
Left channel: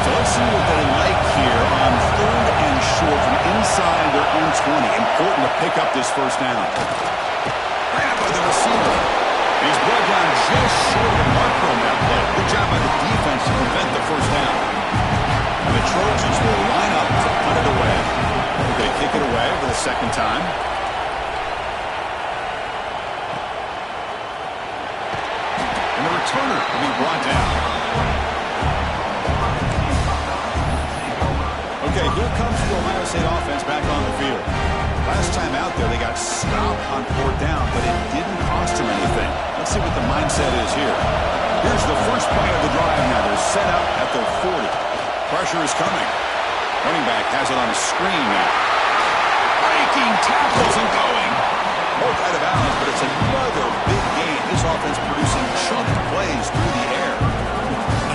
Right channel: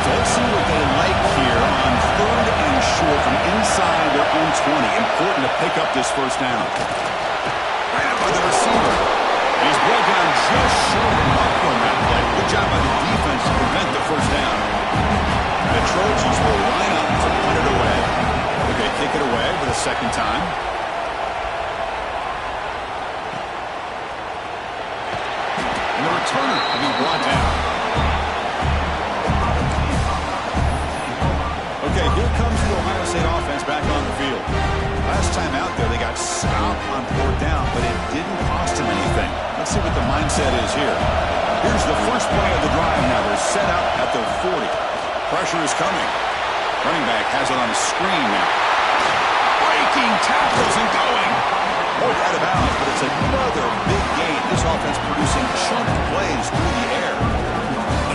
So let's see what they like here on third and short from inside their own 20. Important to pick up this first down. Grabbed by the receiver. And he's brought down just short of the marker on that play. Good job by the defense to prevent the first down. And the Trojans will line up to punt it away. Okay, kick it away for the second time. And the returner will be brought down. Okay, here comes the Ohio State offense back on the field. Last time out there, they got stopped on fourth down, but it didn't cost them anything. Let's see what the mindset is here. Here's the first play of the drive now. They're set up at their 40. Pressure is coming. Running back has it on a screen now. Breaking tackles and going. Both out of bounds, but it's another big gain. This offense producing chunk plays through the air.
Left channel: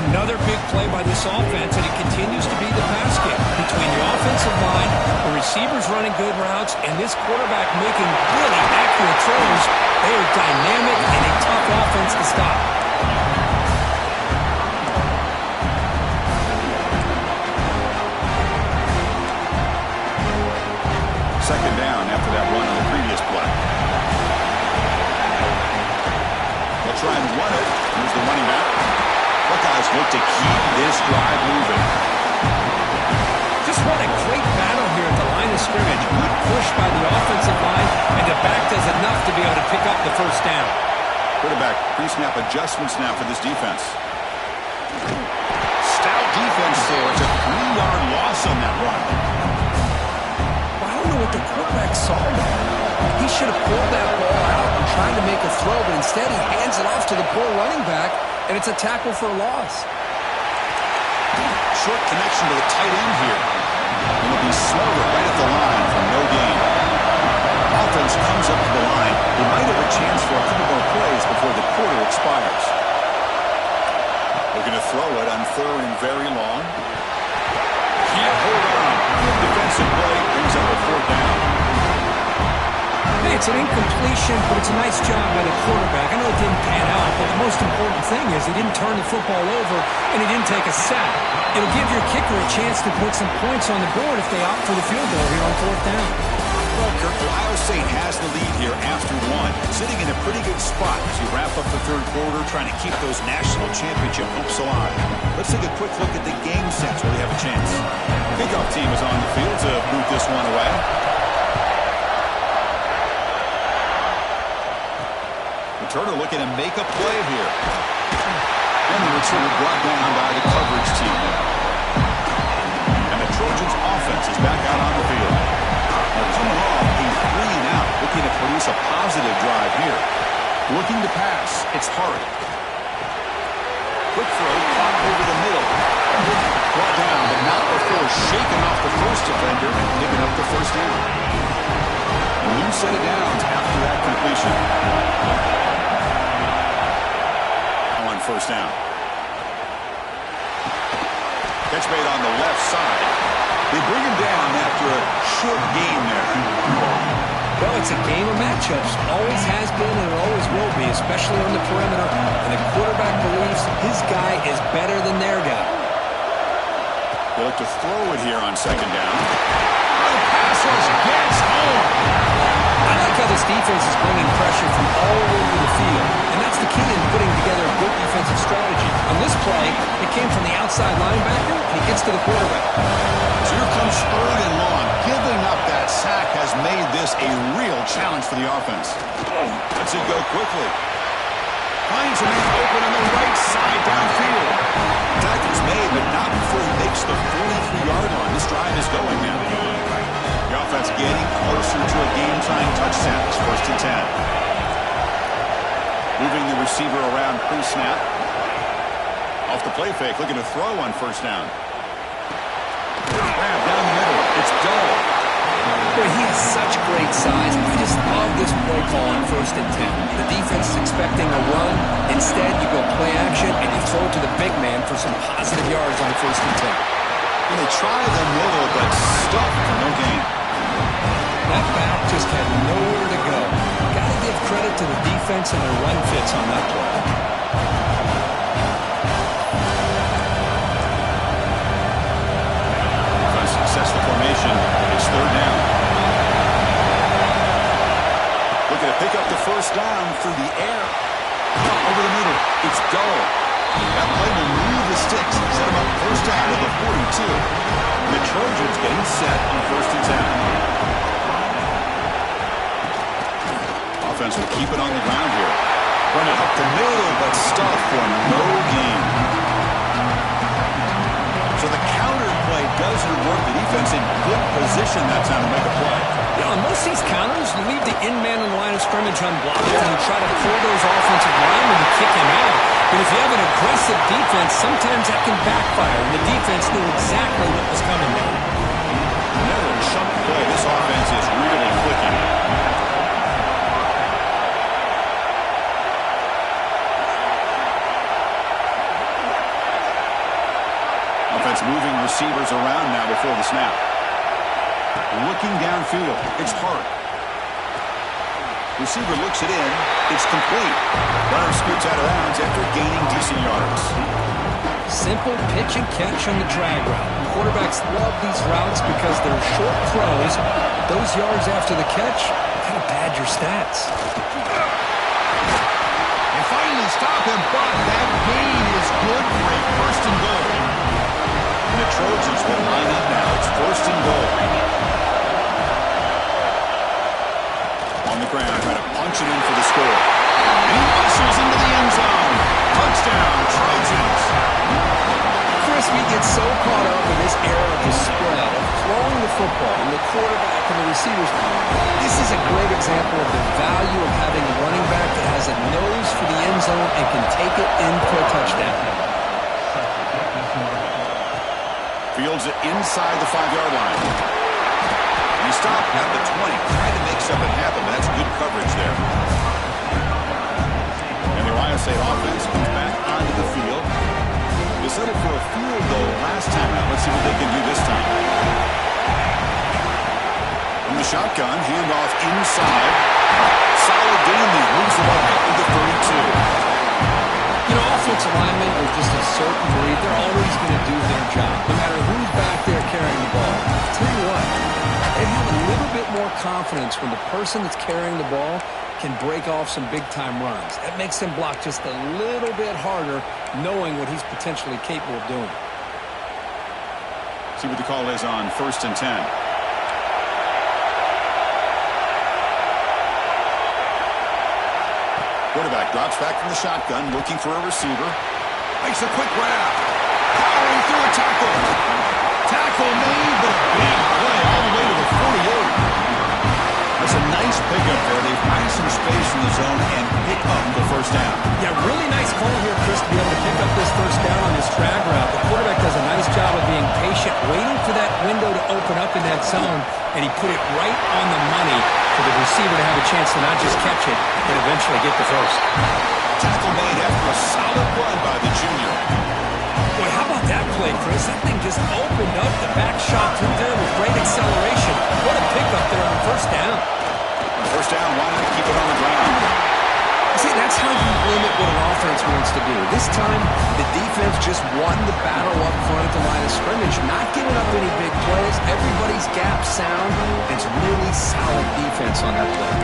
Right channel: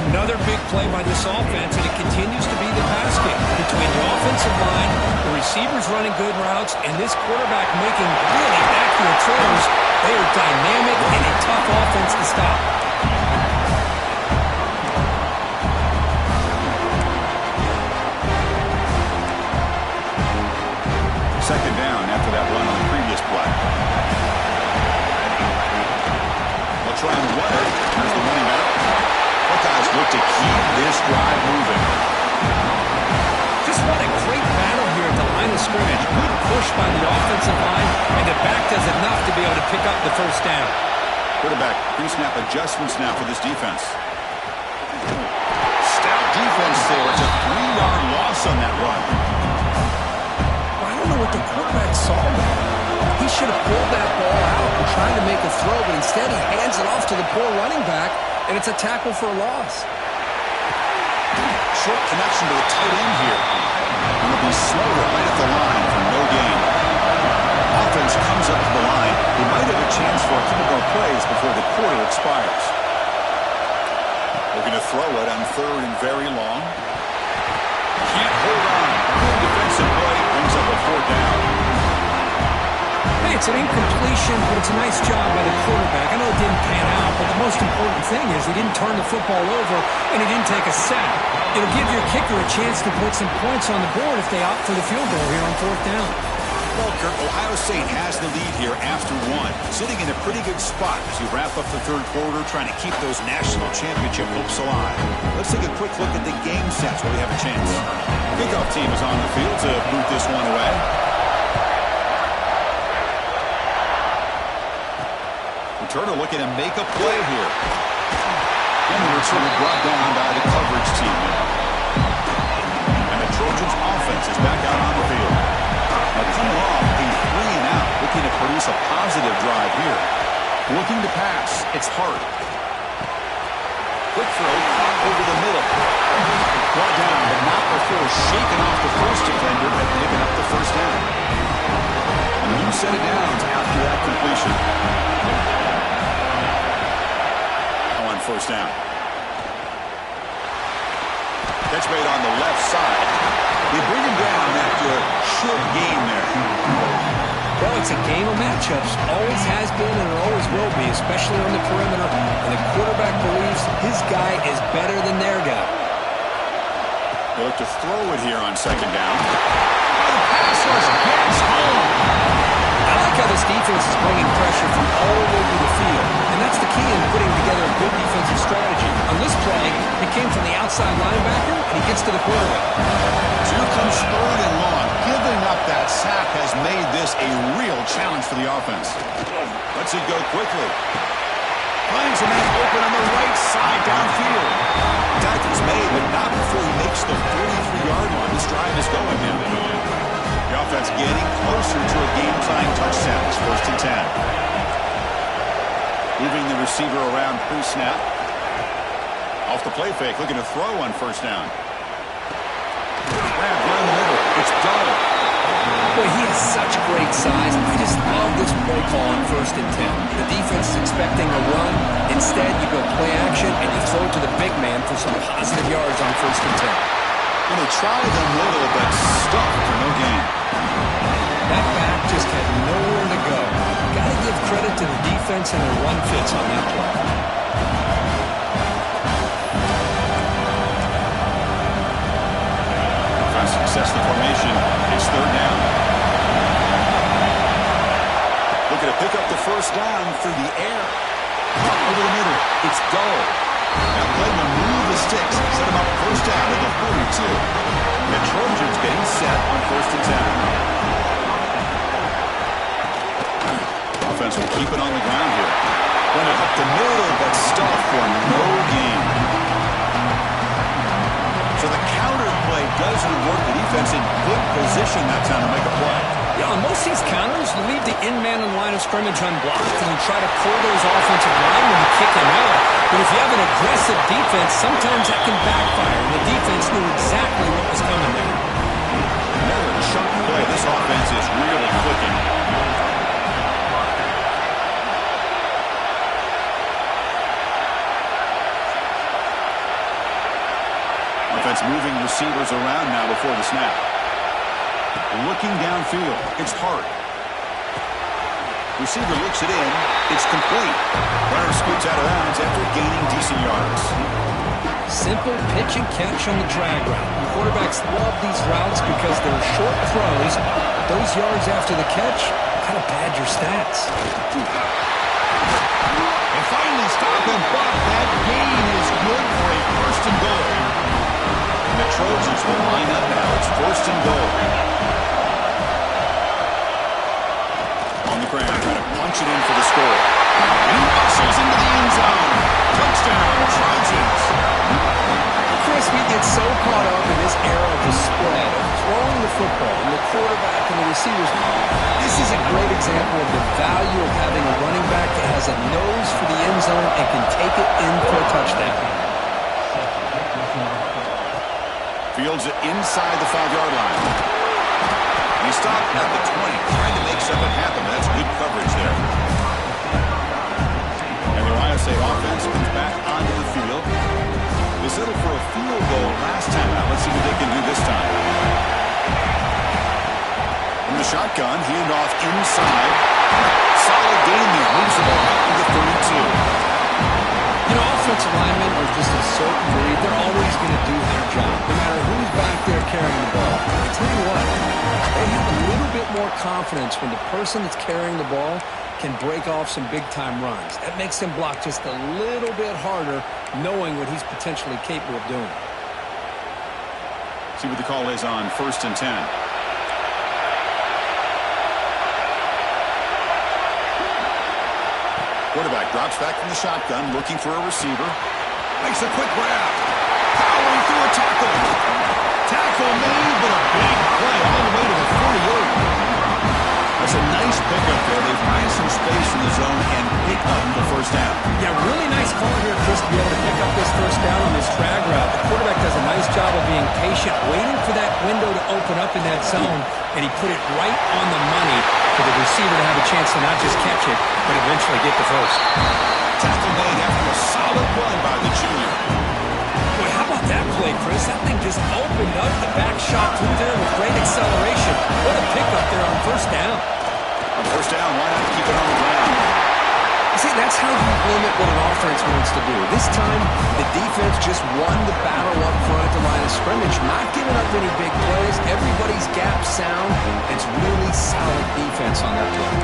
Another big play by this offense, and it continues to be the pass game. Between the offensive line, the receivers running good routes, and this quarterback making really accurate throws, they are dynamic and a tough offense to stop. Second down after that run on the previous play. They'll try and run it. Here's the running back. Buckeyes look to keep this drive moving. Just what a great battle here at the line of scrimmage. Good push by the offensive line, and the back does enough to be able to pick up the first down. Quarterback pre-snap adjustments now for this defense. Stout defense there. It's a 3-yard loss on that run. I don't know what the quarterback saw there. He should have pulled that ball out and tried to make a throw, but instead he hands it off to the poor running back, and it's a tackle for a loss. Short connection to the tight end here. And it'll be smothered right at the line for no gain. Offense comes up to the line. They might have a chance for a couple more plays before the quarter expires. Looking to throw it on third and very long. Can't hold on. Good defensive play. Brings up a fourth down. Hey, it's an incompletion, but it's a nice job by the quarterback. I know it didn't pan out, but the most important thing is he didn't turn the football over and he didn't take a sack. It'll give your kicker a chance to put some points on the board if they opt for the field goal here on fourth down. Well, Kirk, Ohio State has the lead here after one, sitting in a pretty good spot as you wrap up the third quarter, trying to keep those national championship hopes alive. Let's take a quick look at the game sets where they have a chance. Kickoff team is on the field to boot this one away. Returner looking to make a play here. And the returner brought down by the coverage team now. And the Trojans offense is back out on the field. Coming off a 3-and-out, looking to produce a positive drive here. Looking to pass. It's hard. quick throw caught over the middle. Brought down, but not before shaking off the first defender and picking up the first down. A new set of downs after that completion. On first down. Catch made on the left side. They bring him down after a short gain there. Well, it's a game of matchups. Always has been and it always will be, especially on the perimeter. And the quarterback believes his guy is better than their guy. They look to throw it here on second down. Oh, the pass rush gets home. I like how this defense is bringing pressure from all over the field. And that's the key in putting together a good defensive strategy. On this play, it came from the outside linebacker, and he gets to the quarterback. So here comes third and long. Giving up that sack has made this a real challenge for the offense. Lets it go quickly. Finds a man open on the right side downfield. Tackle's made, but not before he makes the 43-yard line. This drive is going now. The offense getting closer to a game-tying touchdown. It's 1st and 10. Moving the receiver around pre-snap. Off the play fake, looking to throw on first down. Grab down the middle. It's dull. Boy, he has such great size. I just love this play call on 1st and 10. The defense is expecting a run. Instead, you go play action, and you throw it to the big man for some positive yards on 1st and 10. Well, they try the middle, but stuffed for no gain. That back just had nowhere to go. Got to give credit to the defense and their run fits on that play. Success the formation. It's third down. Looking to pick up the first down through the air. Caught over the middle. It's dull. That play will move the sticks. Set him up first down at the 42. The Trojans getting set on 1st and 10. Offense will keep it on the ground here. Run it up the middle, but stuffed for no gain. So the counter play doesn't work. The defense in good position that time to make a play. Yeah, on most of these counters, you leave the in-man in the line of scrimmage unblocked and you try to pull those offensive linemen and kick him out. But if you have an aggressive defense, sometimes that can backfire, and the defense knew exactly what was coming there. Another chunk play. This offense is really clicking. Offense moving receivers around now before the snap. Looking downfield. It's Hart. Receiver looks it in. It's complete. Runner scoots out of bounds after gaining decent yards. Simple pitch and catch on the drag route. Quarterbacks love these routes because they're short throws. Those yards after the catch kind of pad your stats. And finally stop him, but that gain is good for a 1st and goal. And the Trojans will line up now. It's 1st and goal. On the ground, trying to punch it in for the score. And he muscles into the end zone. Touchdown, Trojans. Chris, we get so caught up in this era of the spread, of throwing the football, and the quarterback and the receivers. This is a great example of the value of having a running back that has a nose for the end zone and can take it in for a touchdown. Fields it inside the 5-yard line. And he stopped at the 20, trying to make something happen, but that's good coverage there. And the Ohio State offense comes back onto the field. They settled for a field goal last time out. Let's see what they can do this time. From the shotgun, handoff inside. Solid gain there. Moves the ball out to the 32. You know, offensive linemen are just a certain breed. They're always going to do their job, no matter who's back there carrying the ball. I'll tell you what, they have a little bit more confidence when the person that's carrying the ball can break off some big-time runs. That makes them block just a little bit harder, knowing what he's potentially capable of doing. See what the call is on 1st and 10. Quarterback drops back from the shotgun, looking for a receiver. Makes a quick grab. Powering through a tackle. Tackle made, but a big play all the way to the 48. That's a nice Nice pickup there. They find some space in the zone and pick up the first down. Yeah, really nice call here, Chris, to be able to pick up this first down on this drag route. The quarterback does a nice job of being patient, waiting for that window to open up in that zone, and he put it right on the money for the receiver to have a chance to not just catch it, but eventually get the first. Tackle made after a solid run by the junior. Boy, how about that play, Chris? That thing just opened up the back shot through there with great acceleration. What a pickup there on first down. On first down, why not keep it on the ground? See, that's how you limit what an offense wants to do. This time, the defense just won the battle up front at the line of scrimmage, not giving up any big plays. Everybody's gap sound. It's really solid defense on that play.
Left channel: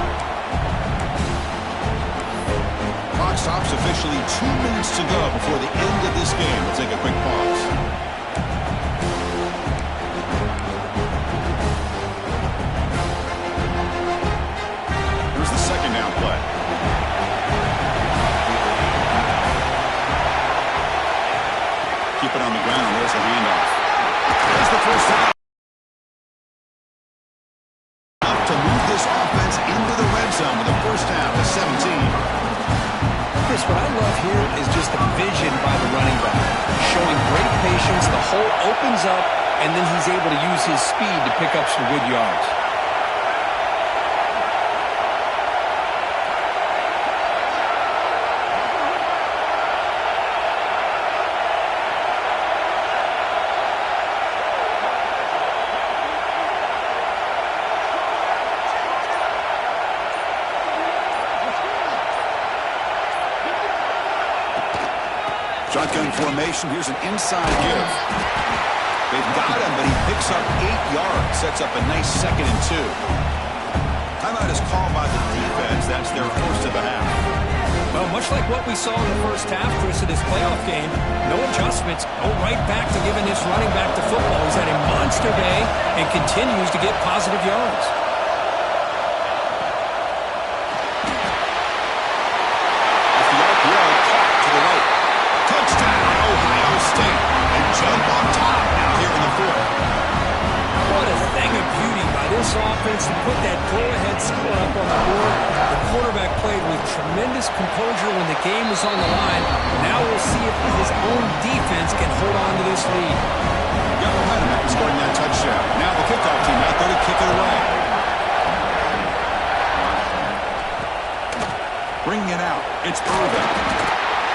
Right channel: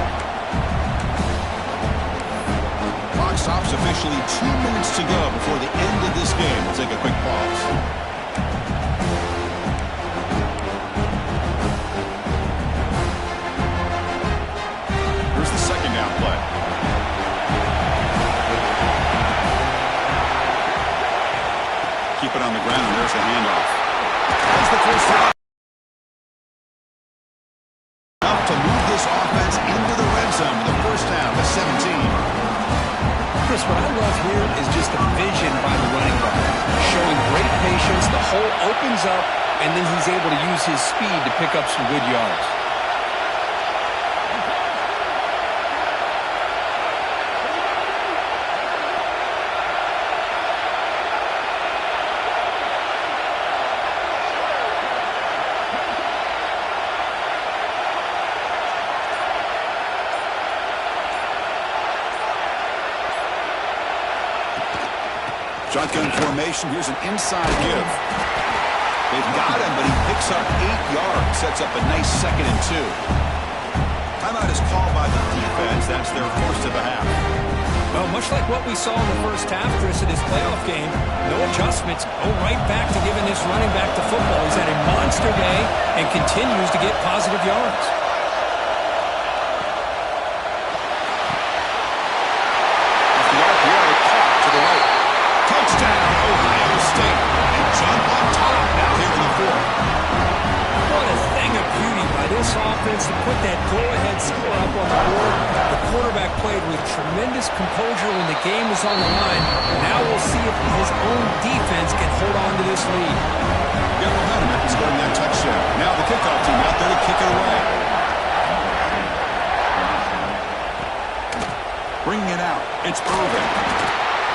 Clock stops officially 2 minutes to go before the end of this game. We'll take a quick pause. Here's the second down play. Keep it on the ground. There's the handoff. That's the first down. Enough to move this offense into the red zone with a first down to 17. Chris, what I love here is just the vision by the running back. Showing great patience, the hole opens up, and then he's able to use his speed to pick up some good yards. Shotgun formation. Here's an inside give. They've got him, but he picks up 8 yards. Sets up a nice 2nd and 2. Timeout is called by the defense. That's their first of the half. Well, much like what we saw in the first half, Chris, of this playoff game, no adjustments. Go right back to giving this running back to football. He's had a monster day and continues to get positive yards. Off the RPO, caught to the right. Touchdown, Ohio State. And jump on top now here in the 4th. What a thing of beauty by this offense to put that go-ahead score up on the board. The quarterback played with tremendous composure when the game was on the line. Now we'll see if his own defense can hold on to this lead. Got momentum after scoring that touchdown. Now the kickoff team out there to kick it away. Bringing it out. It's Irvin.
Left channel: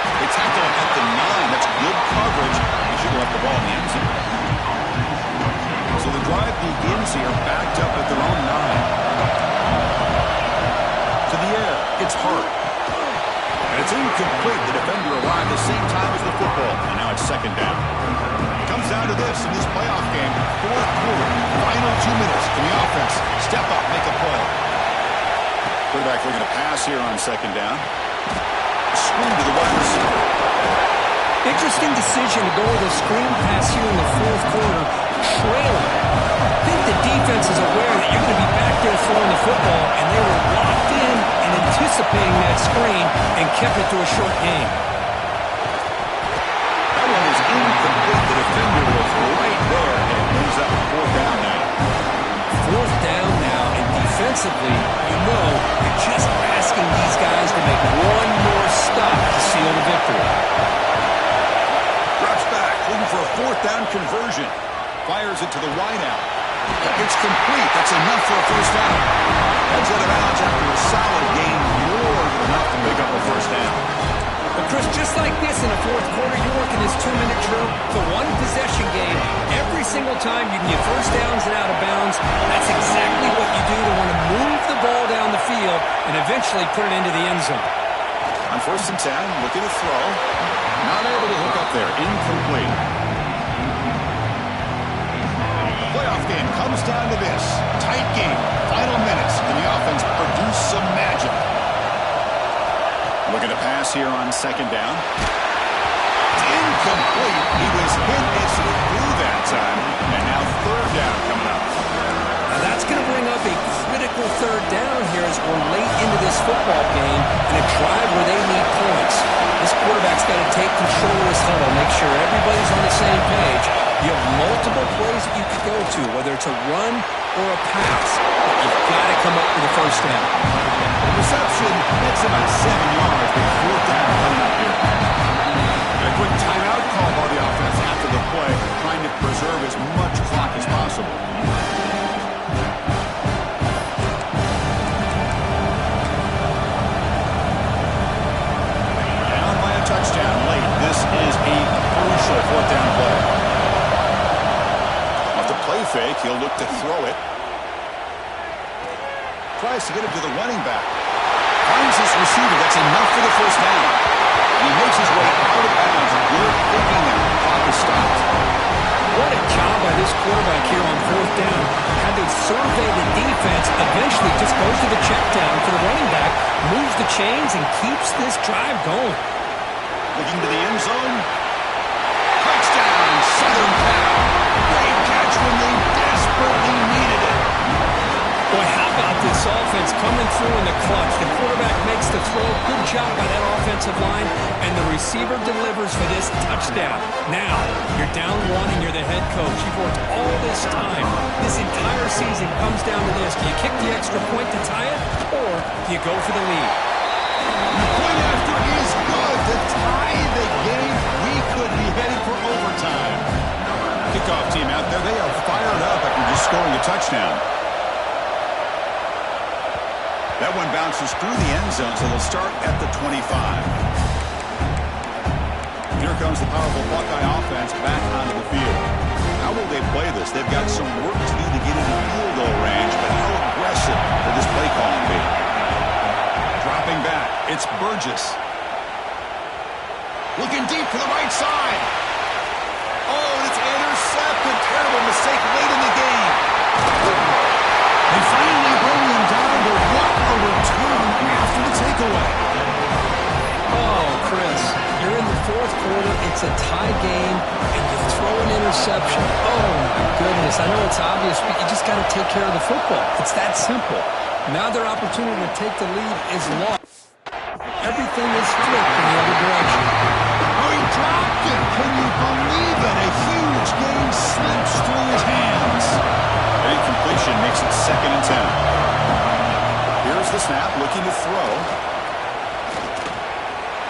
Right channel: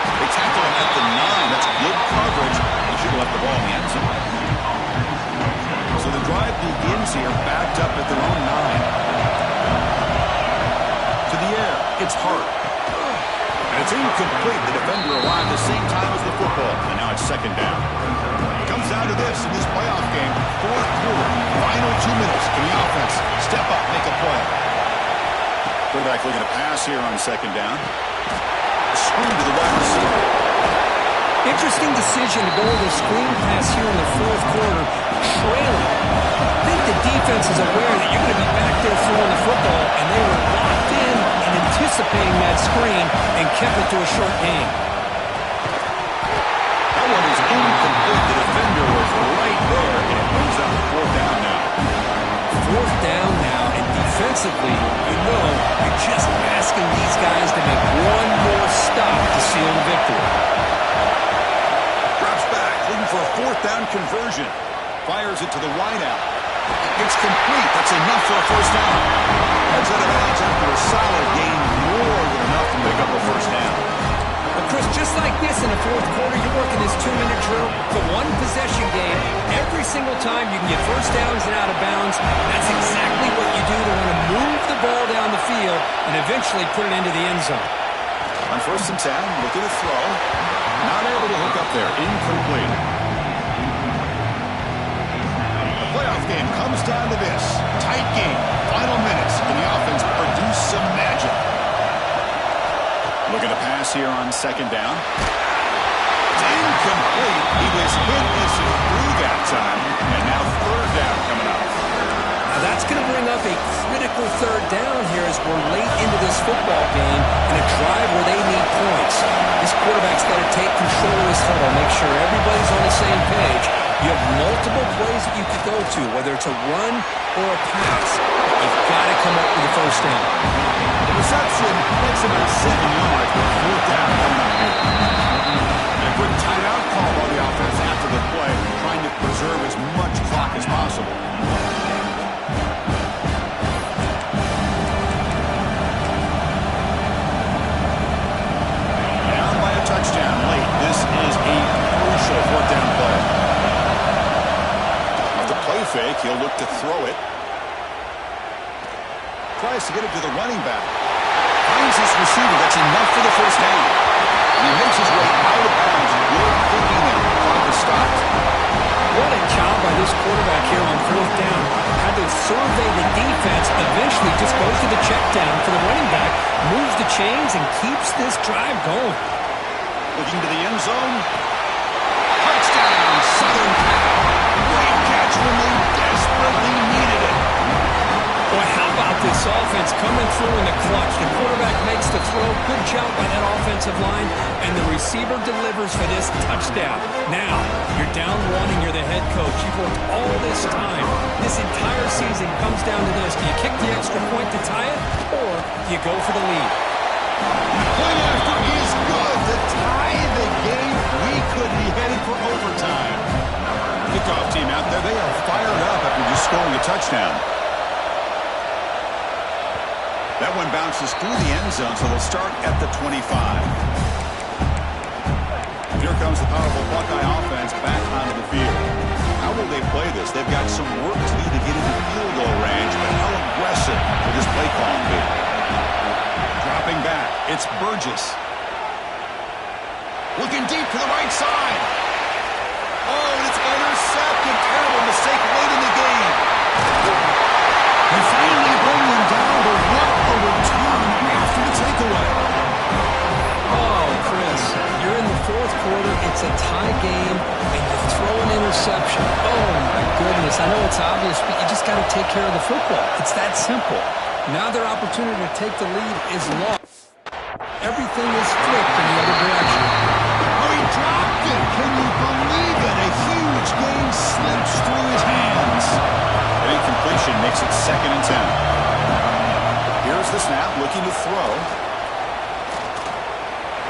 They tackle him at the 9. That's good coverage. He should have left the ball in the end zone. So the drive begins here, backed up at their own 9. To the air. It's Hart. And it's incomplete. The defender arrived the same time as the football. And now it's 2nd down. It comes down to this in this playoff game. 4th quarter. Final 2 minutes. Can the offense step up, make a play? Quarterback looking to pass here on 2nd down. Screen to the wide receiver. Interesting decision to go with a screen pass here in the 4th quarter, trailing. I think the defense is aware that you're going to be back there throwing the football, and they were locked in and anticipating that screen and kept it to a short game. That one is incomplete. The defender was right there, and it brings up 4th down now. 4th down now, and defensively, you're just asking these guys to make one more stop to seal the victory. Drops back, looking for a 4th down conversion. Fires it to the wideout. It's complete. That's enough for a first down. Heads out of bounds after a solid gain, more than enough to pick up a first down. But, Chris, just like this in the 4th quarter, you're working this 2-minute drill. It's a one-possession game. Every single time you can get first downs and out of bounds. That's exactly what you do to want to move the ball down the field and eventually put it into the end zone. On 1st and 10, looking to throw. Not able to hook up there. Incomplete. The playoff game comes down to this. Tight game. Final minutes. Can the offense produce some magic? Looking to pass here on 2nd down. It's incomplete. He was hit as he threw that time. And now 3rd down coming up. Now that's going to bring up a critical 3rd down here as we're late into this football game in a drive where they need points. This quarterback's got to take control of this huddle, make sure everybody's on the same page. You have multiple plays that you could go to, whether it's a run or a pass. But you've got to come up with a first down. The reception gets about 7 yards with 4th down coming up here. And a quick timeout call by the offense after the play, trying to preserve as much clock as possible. Down by a touchdown late. This is a crucial 4th down play. Off the play fake, he'll look to throw it. Tries to get it to the running back. Finds his receiver. That's enough for the first down. And he makes his way out of bounds. Good thinking there. The clock is stopped. What a job by this quarterback here on 4th down. Had to survey the defense. Eventually just goes to the check down for the running back. Moves the chains and keeps this drive going. Looking to the end zone. Touchdown, Southern Cal. Great catch when they desperately needed it. Boy, how about this offense coming through in the clutch? The quarterback makes the throw. Good job by that offensive line. And the receiver delivers for this touchdown. Now, you're down 1 and you're the head coach. You've worked all this time. This entire season comes down to this. Do you kick the extra point to tie it? Or do you go for the lead? The point after is good to tie the game. We could be headed for overtime. Kickoff team out there. They are fired up after just scoring a touchdown. That one bounces through the end zone, so they'll start at the 25. Here comes the powerful Buckeye offense back onto the field. How will they play this? They've got some work to do to get into field goal range, but how aggressive will this play calling be? Dropping back, it's Burgess. Looking deep to the right side. Oh, and it's intercepted. Terrible mistake late in the game. They finally bring them down, but what a return after the takeaway. Oh, Chris, you're in the 4th quarter. It's a tie game, and you throw an interception. Oh, my goodness. I know it's obvious, but you just got to take care of the football. It's that simple. Now their opportunity to take the lead is lost. Everything is flipped in the other direction. Oh, he dropped it. Can you believe it? A huge game slips through his hands. An incompletion makes it 2nd and 10. Here's the snap, looking to throw.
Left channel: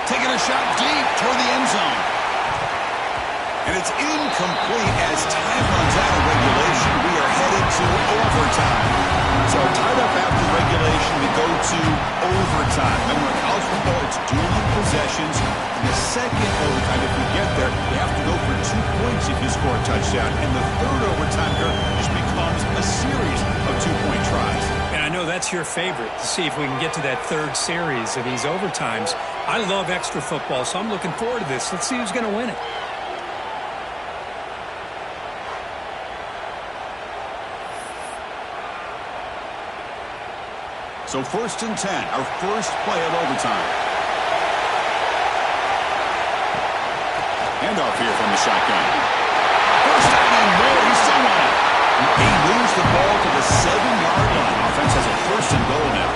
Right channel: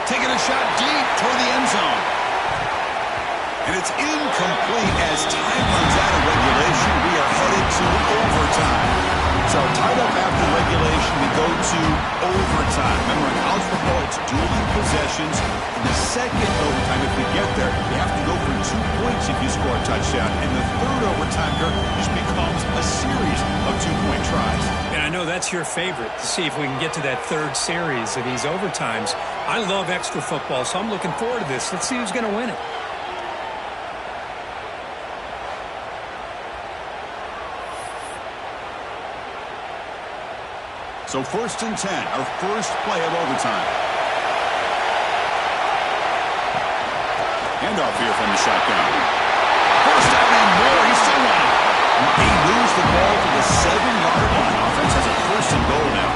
Taking a shot deep toward the end zone. And it's incomplete as time runs out of regulation. We are headed to overtime. So tied up after regulation, we go to overtime. Remember, in college football, it's dueling possessions. In the second overtime, if we get there, you have to go for 2 points if you score a touchdown. And the third overtime here just becomes a series of 2-point tries. And I know that's your favorite, to see if we can get to that 3rd series of these overtimes. I love extra football, so I'm looking forward to this. Let's see who's going to win it. So 1st and 10, our first play of overtime. Handoff here from the shotgun. First down and more. He's still running. He moves the ball to the 7-yard line. Offense has a 1st and goal now.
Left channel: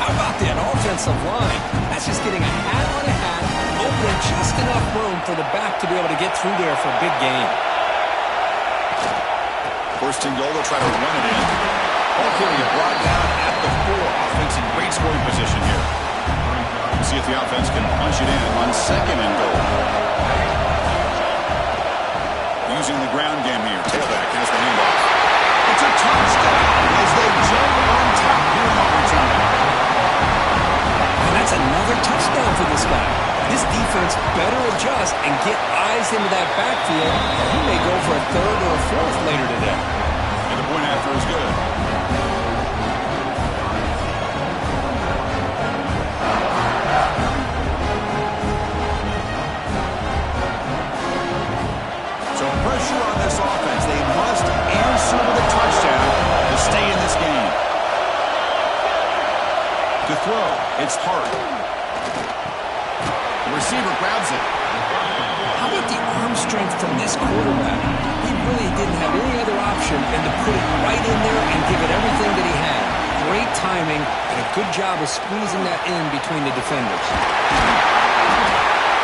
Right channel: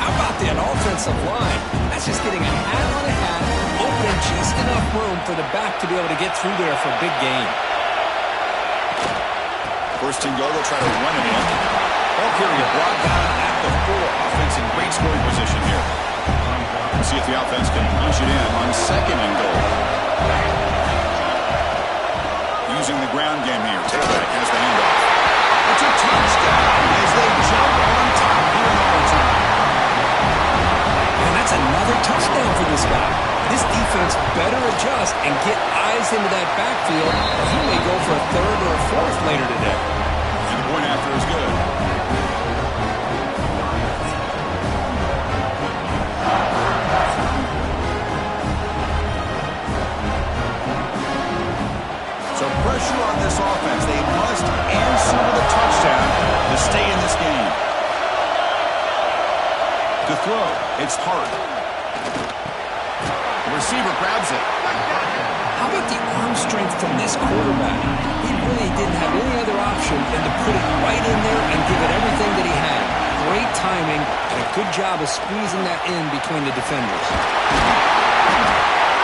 How about that offensive line? That's just getting a hat on a hat, opening just enough room for the back to be able to get through there for a big gain. 1st and goal. They'll try to run it in. Ball carrier brought down at the 4. Offense in great scoring position here. We'll see if the offense can punch it in on 2nd and goal. Using the ground game here. Tailback has the handoff. It's a touchdown as they jump on top here in overtime. And that's another touchdown for this guy. This defense better adjust and get eyes into that backfield, or he may go for a 3rd or a 4th later today. And the point after is good. So pressure on this offense. They must answer with a touchdown to stay in this game. To throw, it's Hart. The receiver grabs it. How about the arm strength from this quarterback? He really didn't have any other option than to put it right in there and give it everything that he had. Great timing and a good job of squeezing that in between the defenders.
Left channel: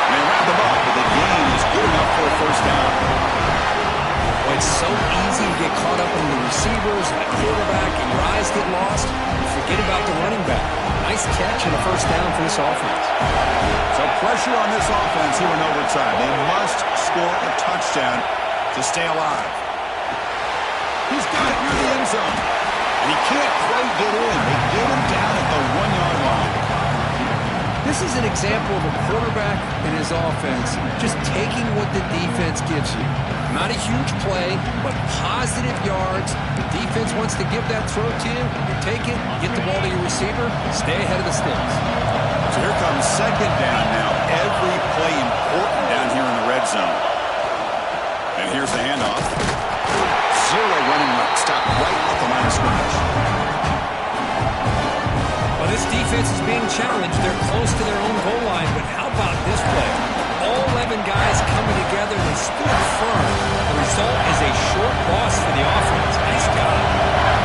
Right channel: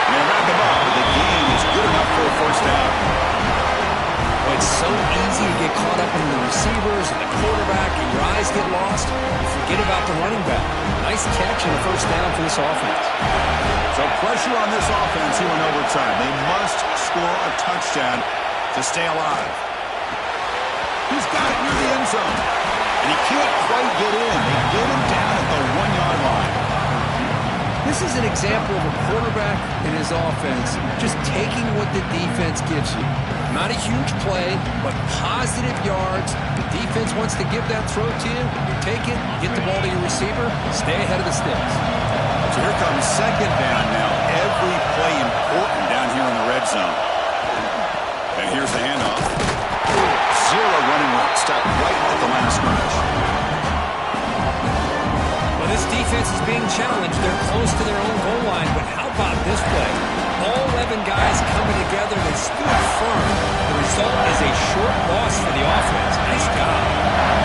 And they wrap them up, but the gain is good enough for a 1st down. Well, it's so easy to get caught up in the receivers and the quarterback, and your eyes get lost. You forget about the running back. Nice catch and a first down for this offense. So pressure on this offense here in overtime. They must score a touchdown to stay alive. He's got it near the end zone. And he can't quite get in. They get him down at the 1-yard line. This is an example of a quarterback and his offense just taking what the defense gives you. Not a huge play, but positive yards. The defense wants to give that throw to you. You take it, get the ball to your receiver, stay ahead of the sticks. So here comes second down now. Every play important down here in the red zone. And here's the handoff. Zero running room. Stop right at the line of scrimmage. Well, this defense is being challenged. They're close to their own goal line, but how about this play? All 11 guys coming together. They stood firm. The result is a short loss for the offense. Nice job.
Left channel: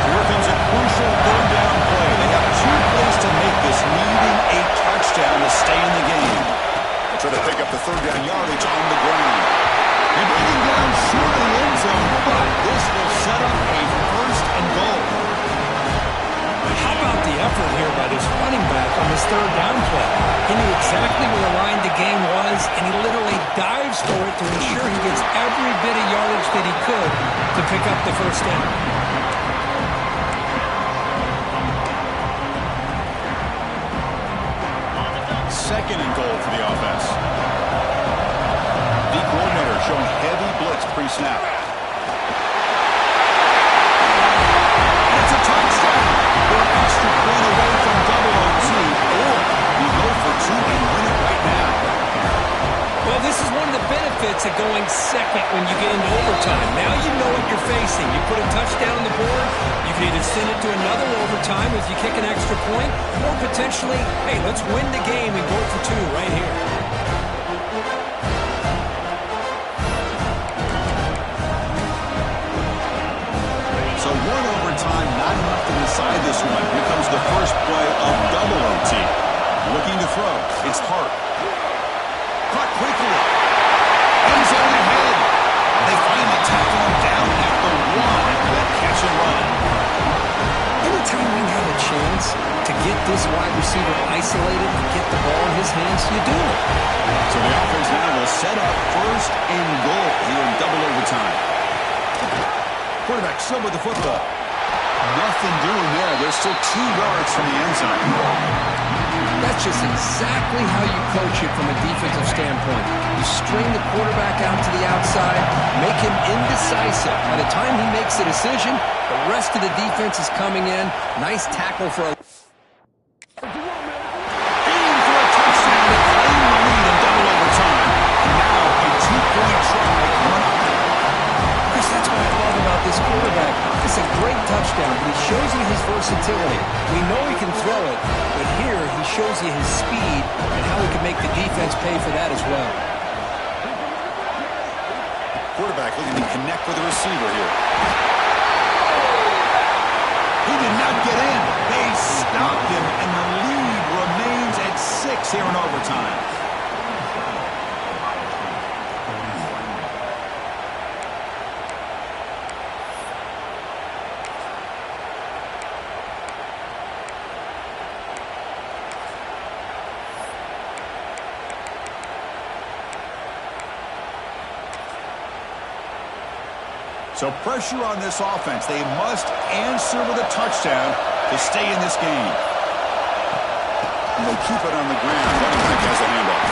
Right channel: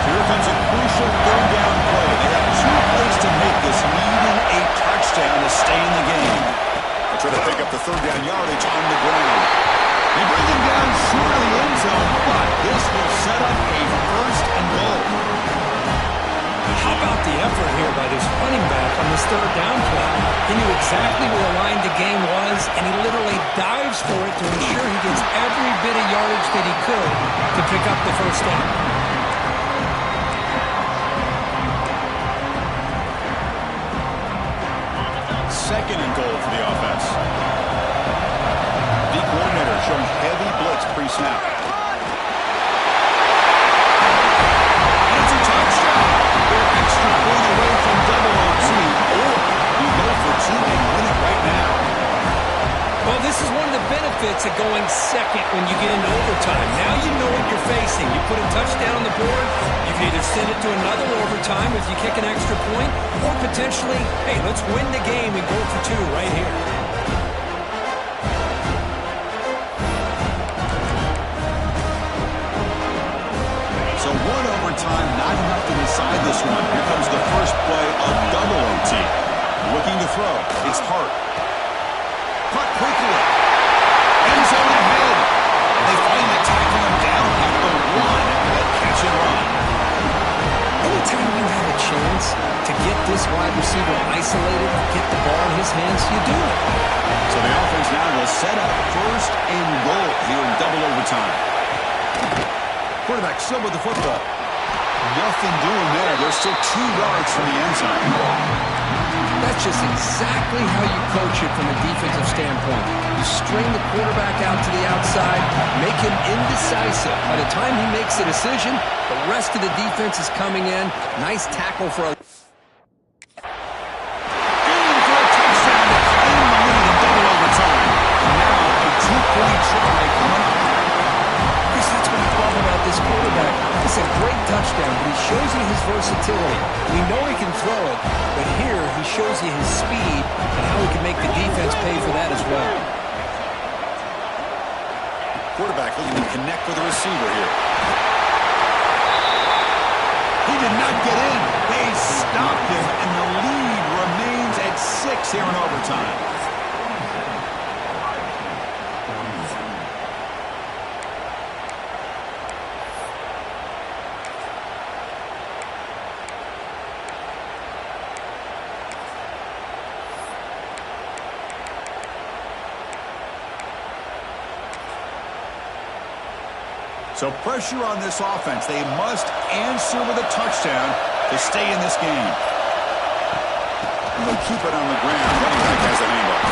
Here comes a crucial third down play. They have 2 plays to make this, needing a touchdown to stay in the game. They'll try to pick up the third down yardage on the ground. They bring him down short of the end zone, but this will set up a first and goal. How about the effort here by this running back on this third down play? He knew exactly where the line to gain was, and he literally dives for it to ensure he gets every bit of yardage that he could to pick up the first down. Second and goal for the offense. The coordinator showing heavy blitz pre-snap. And it's a touchdown. They're an extra point away from double OT, or you go for 2 and win it right now. Well, this is one of the benefits of going second when you get into overtime. Now you know what you're facing. You put a touchdown on the board, you can either send it to another overtime if you kick an extra point, or potentially, hey, let's win the game and go for 2 right here. So 1 overtime, not enough to decide this one. Here comes the first play of double OT. Looking to throw. It's Hart. Caught quickly. End zone ahead. They finally tackle him down at the 1 after that catch and run. Anytime you have a chance to get this wide receiver isolated and get the ball in his hands, you do it. So the offense now will set up first and goal here in double overtime. Quarterback still with the football. Nothing doing there. They're still 2 yards from the end zone. That's just exactly how you coach it from a defensive standpoint. You string the quarterback out to the outside, make him indecisive. By the time he makes a decision, the rest of the defense is coming in. Nice tackle for a... Aim for a touchdown to claim the lead in double overtime. And now a 2-point try coming up. Chris, that's what I love about this quarterback. It's a great touchdown, but he shows you his versatility. We know he can throw it, but here he shows you his speed and how he can make the defense pay for that as well. Quarterback looking to connect with the receiver here. He did not get in. They stopped him, and the lead remains at 6 here in overtime. So pressure on this offense. They must answer with a touchdown to stay in this game. And they'll keep it on the ground. Running back has the handoff.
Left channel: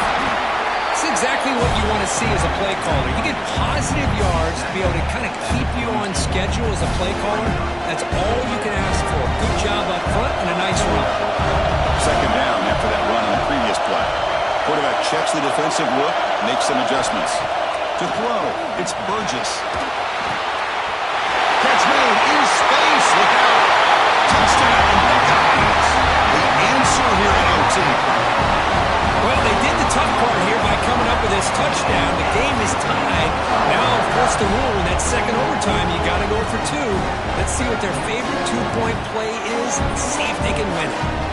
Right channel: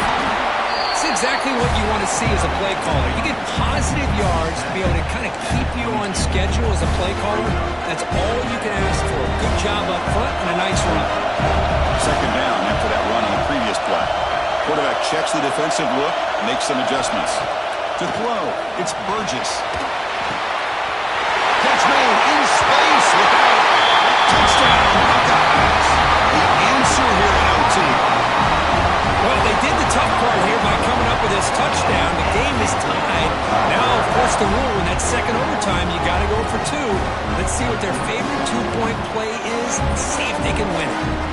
It's exactly what you want to see as a play caller. You get positive yards to be able to kind of keep you on schedule as a play caller. That's all you can ask for. Good job up front and a nice run. Second down after that run on the previous play. Quarterback checks the defensive look, makes some adjustments. To throw, it's Burgess. Catch made in space. Look out. Touchdown, Buckeyes. The answer here in OT. Well, they did the tough part here by coming up with this touchdown. The game is tied. Now, of course, the rule in that second overtime, you got to go for 2. Let's see what their favorite 2-point play is and see if they can win it.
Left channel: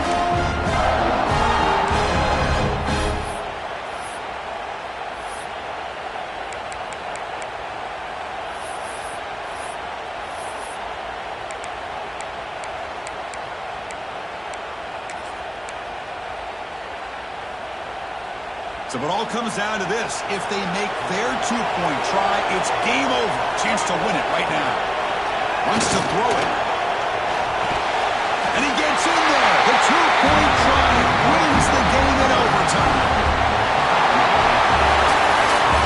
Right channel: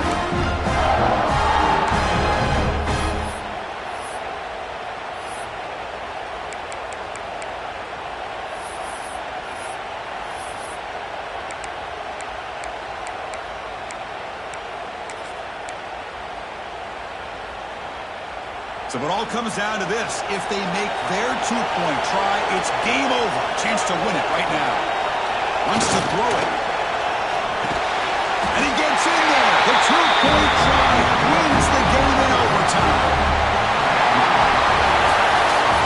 So it all comes down to this. If they make their two-point try, it's game over. Chance to win it right now. Wants to throw it. And he gets in there. The two-point try wins the game in overtime.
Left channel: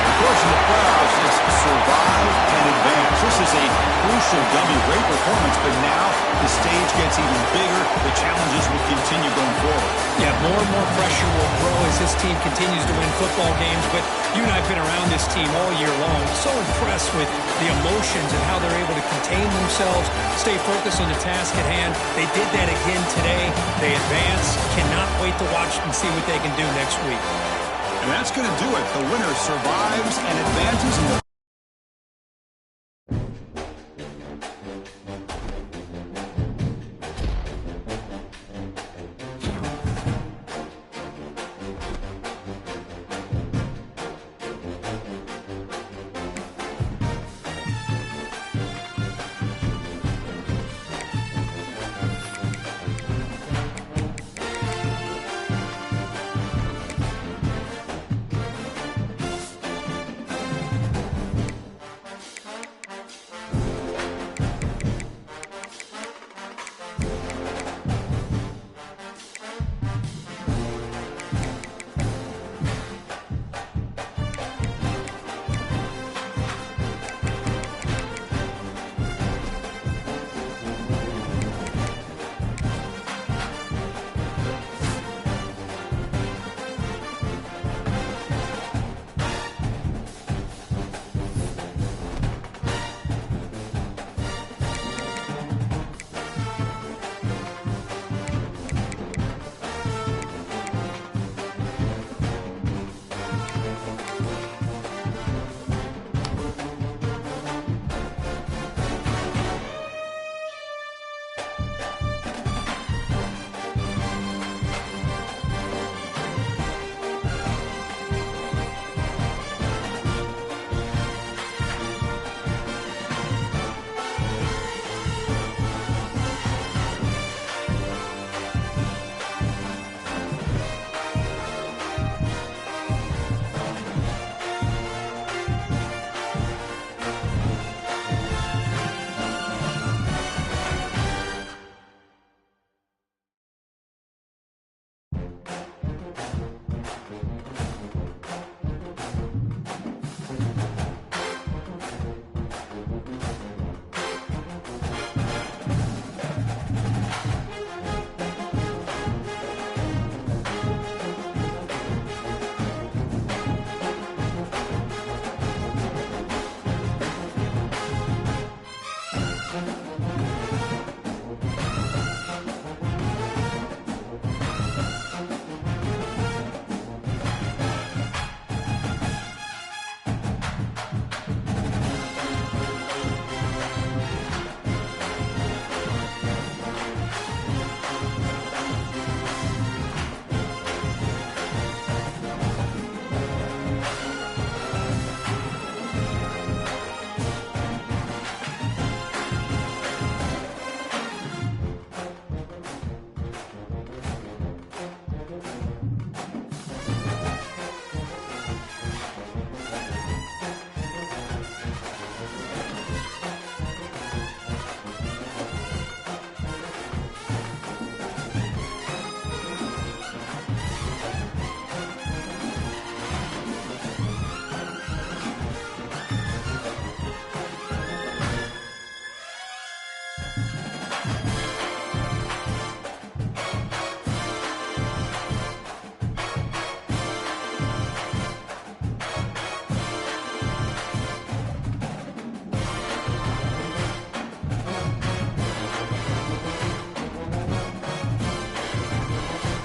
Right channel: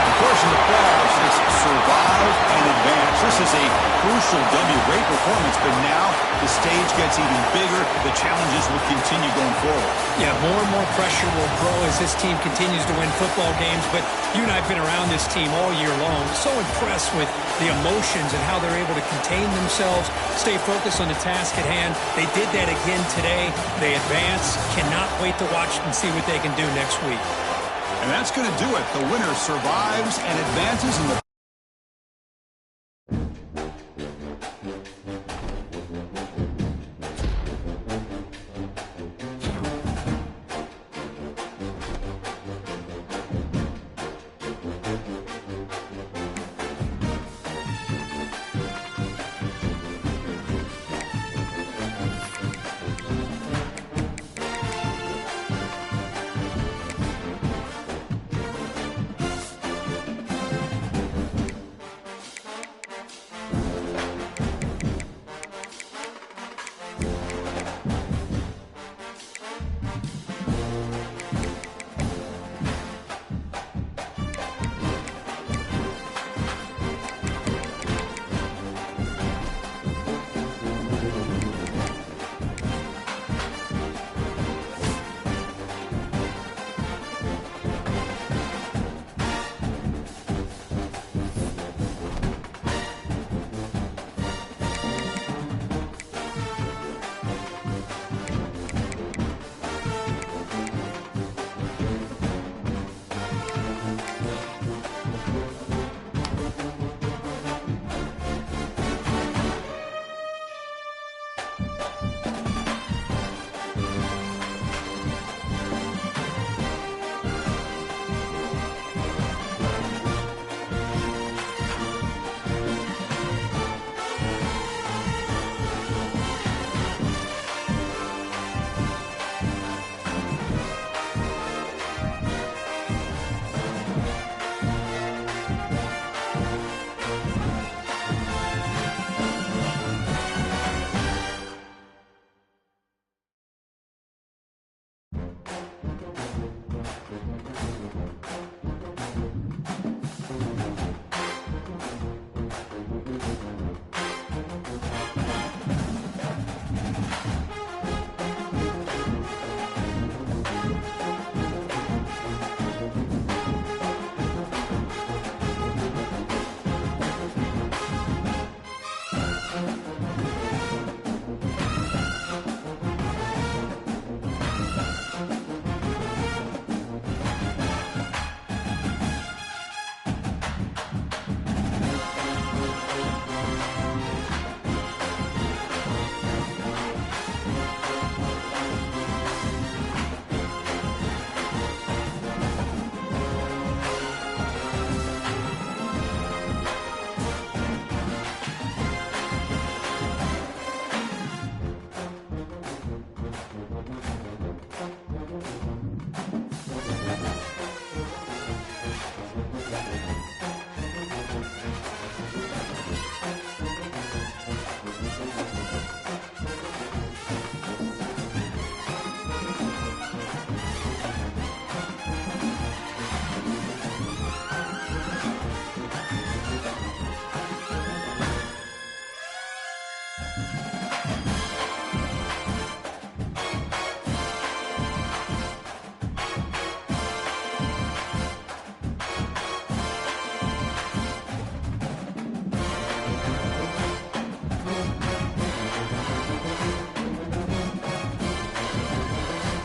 Of course, in the playoffs, it's survive and advance. This is a crucial W. Great performance, but now the stage gets even bigger. The challenges will continue going forward. Yeah, more and more pressure will grow as this team continues to win football games. But you and I have been around this team all year long. So impressed with the emotions and how they're able to contain themselves, stay focused on the task at hand. They did that again today. They advance. Cannot wait to watch and see what they can do next week. And that's going to do it. The winner survives and advances in the